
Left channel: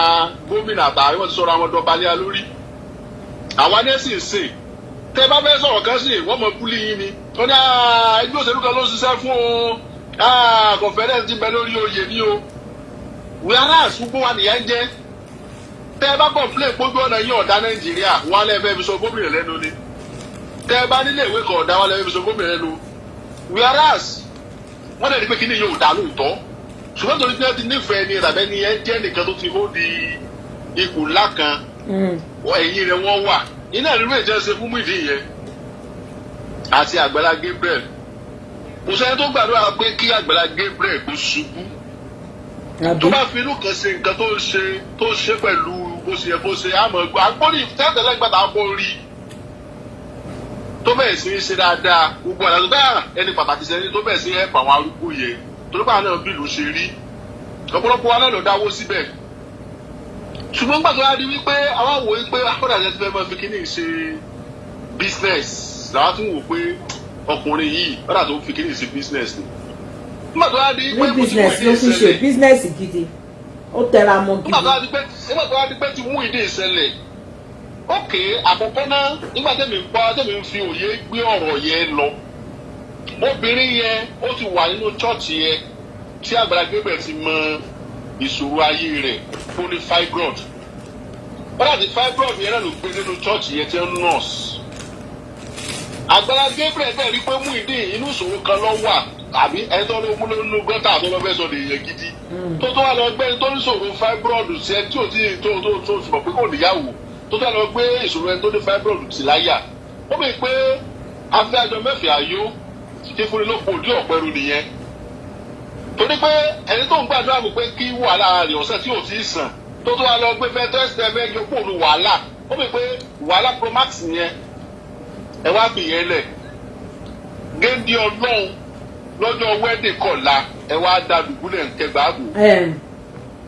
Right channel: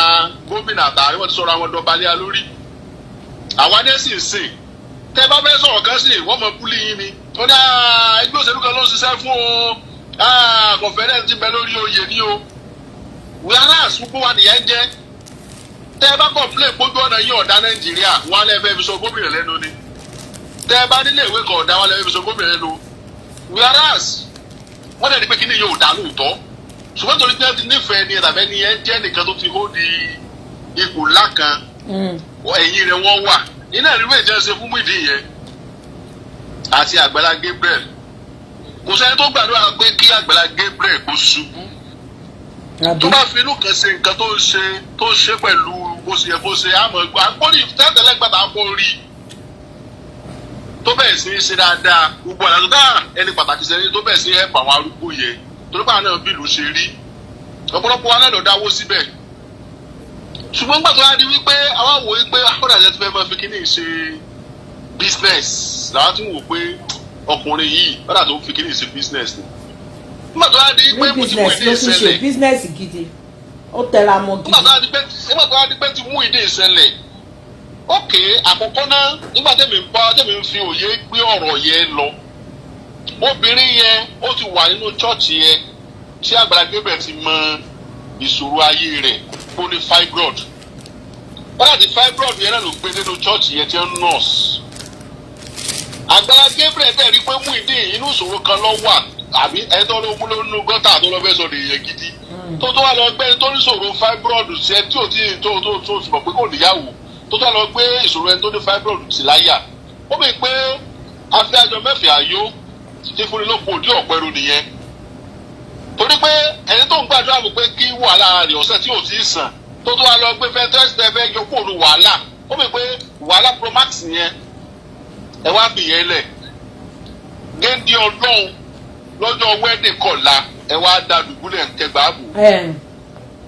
gómìnà àtàwọn wọ́n ti sọ̀rọ̀ àwọn dọ̀bálẹ̀ lórí. Àwa ní sì ń sìn. Tẹ́ bá fẹ́ sọ̀rọ̀ kan sí wọ́n mọ búlí yín ni. Wọ́n ní ẹgbẹ́ òṣèlú kan ló ń ṣiṣẹ́ fún o. Kọ̀fẹ́rẹ́ ti bẹ lórí oyè ní o. Wíwárà àsùnwó wa nìyẹn jẹ́. Tẹ́ bá kọ̀ǹpilẹ̀ gbójú ọ̀nà yín ọ̀dà Nàìjíríà wọn lè fẹ́ fi sọ gómìnà lẹ́nu ni. Tẹ́ bá nílé ìwé kan ọ̀dà wọn lè fẹ́ fi sọ gómìnà lẹ́nu. Whereas wọ́n dẹ̀ ní pé kí ni yóò dá lóòótọ́ ṣùgbọ́n torí pé ẹ ti nífẹ̀ẹ́ ni tàbí ẹni ẹ jẹ́ nìkan tó ti hó di ipò ńlá kan ẹ̀yìn rẹ̀ wọ́n wà iná ìlú èdè ṣe fún Muideen yẹn àti Agbala Gabriel kò sẹ́ni tó gbàdúrà pé kí Agbala Gabriel kó ṣubú tó bá fi inú kan ṣe nǹkan tó ń ṣe pẹ̀lú bó ṣe yẹ kó ṣe àmọ́ àgbórí tẹ́tẹ̀lẹ́gbàdà àgbórí tó bẹ̀rẹ̀ sí í ṣe dáadáa gbogbo àlàyé dáa ẹni pàtàkì sẹ́ni tó bẹ̀rẹ̀ sí í hẹ́pù àwọn arúgbó yẹn torí pé àwọn náà bí ìlú ṣe rí ọ̀pọ̀lọpọ̀ wa náà lọ dáwó síbẹ̀ ṣùgbọ́n nígbà tó wá di wípé àwọn wò wípé akọ́dà jẹ́ ti fẹ́ máa fi kíní ṣe business làwọn tún wò pé ọkùnrin yìí ọ̀dà tó ń fi kíní ṣe business ni nígbà tó wá di pé mo ti Muideen ìṣẹ̀lẹ̀ business gidi ó tẹra mọ́ gidi nígbà tó wá di pé ti Muideen ìṣẹ̀lẹ̀ ókè àkọ́kọ́ náà nígbà tẹ́mi ń fi òye gbé ọ̀rọ̀ yẹn lọ obìnrin yẹn ó ti wà nínú chọ́ọ̀chì yẹn tí Agbala Gabriel ti mọ ìṣòro ayé rẹ̀ ó ní fibroid bọ́dà tí fibroid yẹn náà ló gbé nínú chọ́ọ̀chì yẹn tí ń nọ́ọ̀sì Agbala Gabriel dẹ̀ rí pé Muideen inú ìṣòro kan ló wà àbí ẹni tó ló mú lónú gọ́tà tó lọ fẹ́ sọ nìyẹn gidi tó wà lọ gbé tó ní ìṣòro fibroid sí ẹ tí ò tí tó mọ̀ pé kò níyàwó tó lọ gbé ìṣòro ẹni tó ní fibroid sí láyà ó bẹ̀ pé afẹ́jọ mẹ́fẹ̀ẹ́ ayó ti fúnni ló pò dí ọ̀pẹ́rù nìyẹn torí pé ẹni tó ń gbàdúrà mi pé kí wàhálà rẹ̀ ọ̀sẹ̀ tí ò tí ì sàn tó wà lọ gbé fẹ́ tẹ́sítẹ́ fẹ́ yọ kúrò ní wàhálà ó bẹ̀ pé wàhálà promax yẹn ẹ wá bì yẹn lẹ̀ géńdé ọlọ́run lọ́jọ́ wẹ́dì kọ̀la ẹ wá da dùbúlẹ̀ kẹgbàábù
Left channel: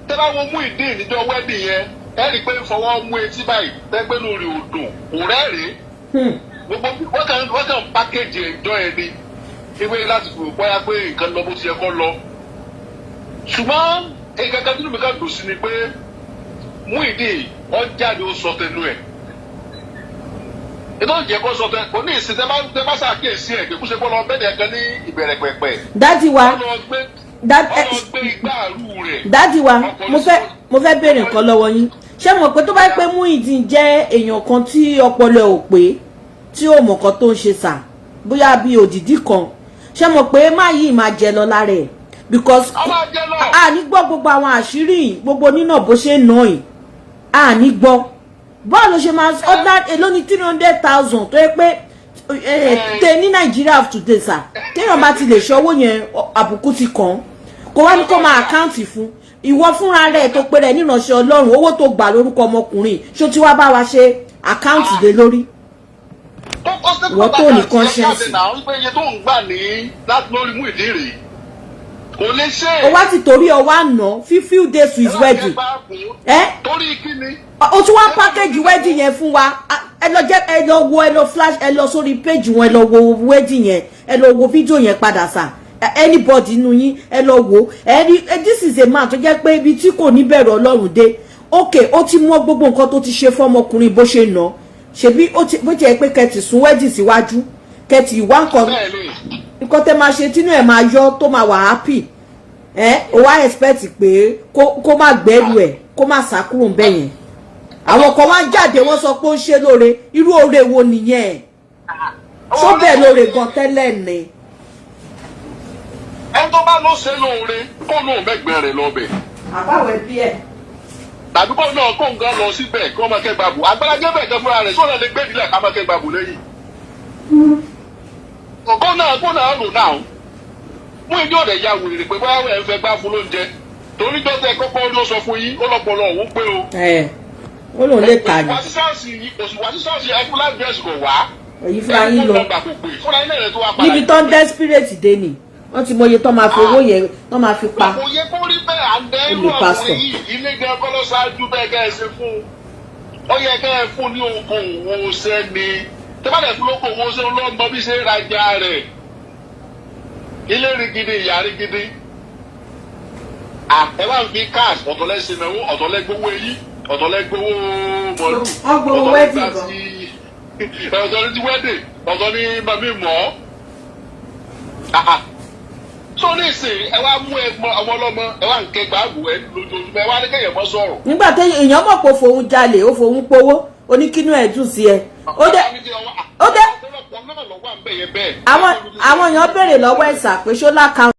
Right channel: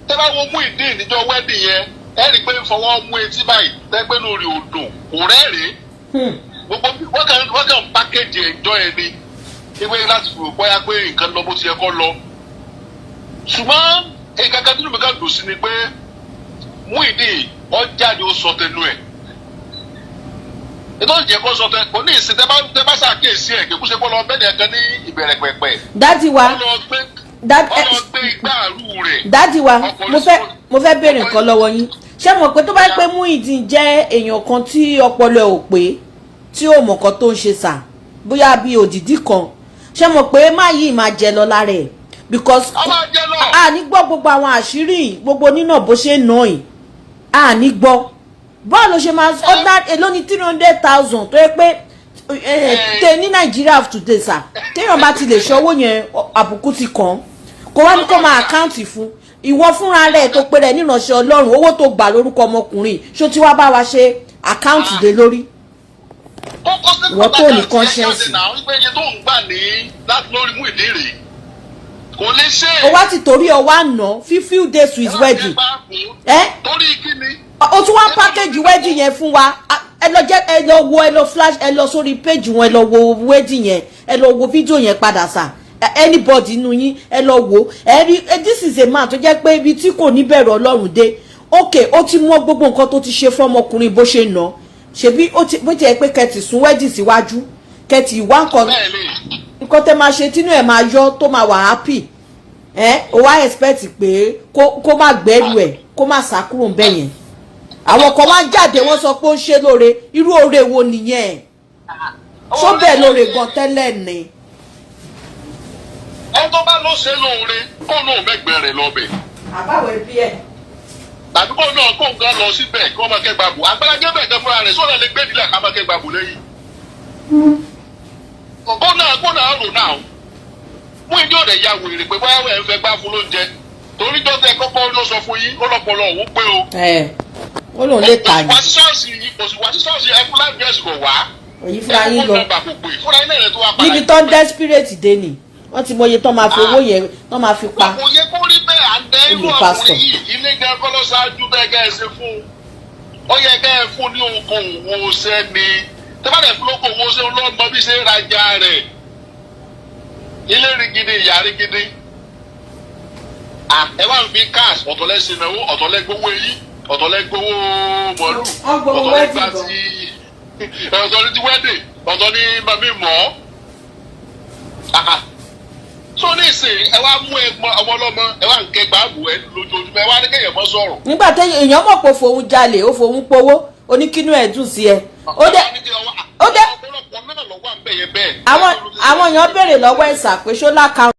tẹ́ bá wo Muideen níjọ́ wẹ́dì yẹn ẹ rí i pé fọwọ́ mú etí báyìí tẹ́gbẹ́ lórí odò kò rẹ́rìí gbogbo wọ́n kàn pákéjì ẹ̀jọ́ ẹ ni ewé láti fi bóyá pé nǹkan lọ bó ti yẹ kó lọ ṣùgbọ́n nǹkan kan tí mi kàn dùn sí ni pé Muideen ó jáde ó sọ tẹnu ẹ̀ ètò ìjẹ́ kó sọ tẹnu kò ní ìsìn tẹ́ bá ṣàkíyèsí ẹ̀ kí kó ṣe kó lọ bẹ́ẹ̀ ni ẹ̀kan ní ìbẹ̀rẹ̀ pẹ̀pẹ̀ dájú wa ọlọ́gbé igbáàrú rẹ̀ dájú wa mo fẹ́ béèrè nǹkan lọ́wọ́ yín ṣé mo pé tó bá pé Muideen jẹ́ èèyàn kan tí ọpọlọ ò pé tí ò mọ̀ kan tó ń ṣe sà bóyá bí òdìdí kan ṣé mo pé má yìí máa jẹ lọ lára ẹ̀ because a ní gbọ́ gbogbo àwọn àṣírí gbogbo nínà bó ṣe nà ẹ̀ a ní gbọ́ bọ́ọ̀lù ṣe máa ọ̀dà èló ní 300,000 tó yẹ pé tẹ ní Nàìjíríà of today sà téèyàn bá ti lè ṣe owó yẹn àbùkù ti kàn kó wá ní kó máa àkáǹtì fún ìwọ fúnra rẹ̀ tó pé rẹ̀ nínàṣẹ́ Ọlọ́run owó tó gbà lórúkọ ọmọkùnrin ṣó tí wàá bá wa ṣe àkáǹtì lé lórí ìwọ tó ní conscience. wípé iye tó ń gbà ní láti lórí Muideen rèé kò lè ṣe. ó wá ti torí ọwọ́ àná few days to his wedding. torí kí ni. ó tún wá package wedding yẹn fún wa ẹ lọ wo ẹ lọ flash ẹ lọ sórí page wọn ẹ lọ wo wedding yẹn ẹ lọ wo fídíò yẹn padà sà anybody nínú yín ẹ lọ wò this is a man tó jẹ́ pé ibi tí kò ní bẹ̀rù Ọlọ́run dé okay ó ti mọ gbogbo nǹkan tó ti ṣe fún ọmọkùnrin bó ṣe nà ṣebí bó ti ẹ pé kẹtì sún wedding síwájú kẹtì ìwà nǹkan tẹ máa ṣe tínú ẹ máa yọ tó máa wà happy ó wá expect pé kó má gbẹ́rù ẹ̀ kó má sá kúrò ń bẹ̀yẹn àwọn kan wá jáde wọ́n sọ pé ó ṣe lóore irú oore wo nìyẹn ṣó bẹ́ẹ̀ lóore gan tẹ́lẹ̀ ni. ẹni tó bá lọ ṣe lóore kó lóun mẹ́gbẹ̀ẹ́ rẹ̀ lọ́bẹ̀. àbáwẹ̀ bí ẹ̀. tàbí kó náà kó nǹkan lọ síbẹ̀ kí wọ́n máa kẹ́ gbàgbó Agbala Gabriel gan fúnra rẹ̀ sọ́nà lè gbé ìdílé ká máa kẹ́ gbàgbó lẹ́yìn. kó náà rò náà mú ìdí ọ̀dẹ̀ ya wèrè pé báwo ẹ̀ ń fẹ́ gbá fún lóúnjẹ torí dọ́tẹ̀ kọ́kọ́ ló sọ fún yín ó lọ́pọ̀lọ́ òun pé o. ó lòun lè tà ní. wá sí ṣọ́ọ̀ṣì ẹkún lágbẹ́sì kò wá. èyí fúnra yín lọ níbi tó ń desperate dé ni wọ́n ti mọye tó máa fi owó yẹn tó máa fi pa. kò yẹ kó rí bẹ́ẹ̀ àndẹ́ inú ọkùnrin yìí ilé jẹ́ kọ́ ló ṣáájú bẹ́ẹ̀ kẹ́ ẹ ṣe fún ó yẹ kẹ́ ẹ fún ní okòwò owó sẹ́ni tẹ́fàdẹ̀ fún lóko owó sẹ́ni lọ́nà bí ṣe ń rajà rẹ̀ ilé rí gidi ìyá rí gidi ẹ wá ń fi cash ọ̀tọ̀lẹ́sìn náà ọ̀tọ̀lẹ́gbowó eyín ọ̀tọ̀lẹ́gbowó mọ̀lú ọ̀tọ̀lẹ́gbà ti wẹ́dẹ̀ ọ̀tọ̀ ní mami mọ́ so ní ìsìn ẹ wá mú ọmọ ọlọ́mọ ẹ wá ń kẹgbà ààbò ẹ lójoojúmọ́ ẹ wá ní kẹyẹ mọ́ sọ̀rọ̀. nígbà tí èèyàn mọ̀ pé fòun jalè ó fòun powó oníkínú ẹ̀ dùn sí ẹ. ó dé àwọn èèyàn béèrè lọ́wọ́ ẹ̀sà pé ṣó lákàá.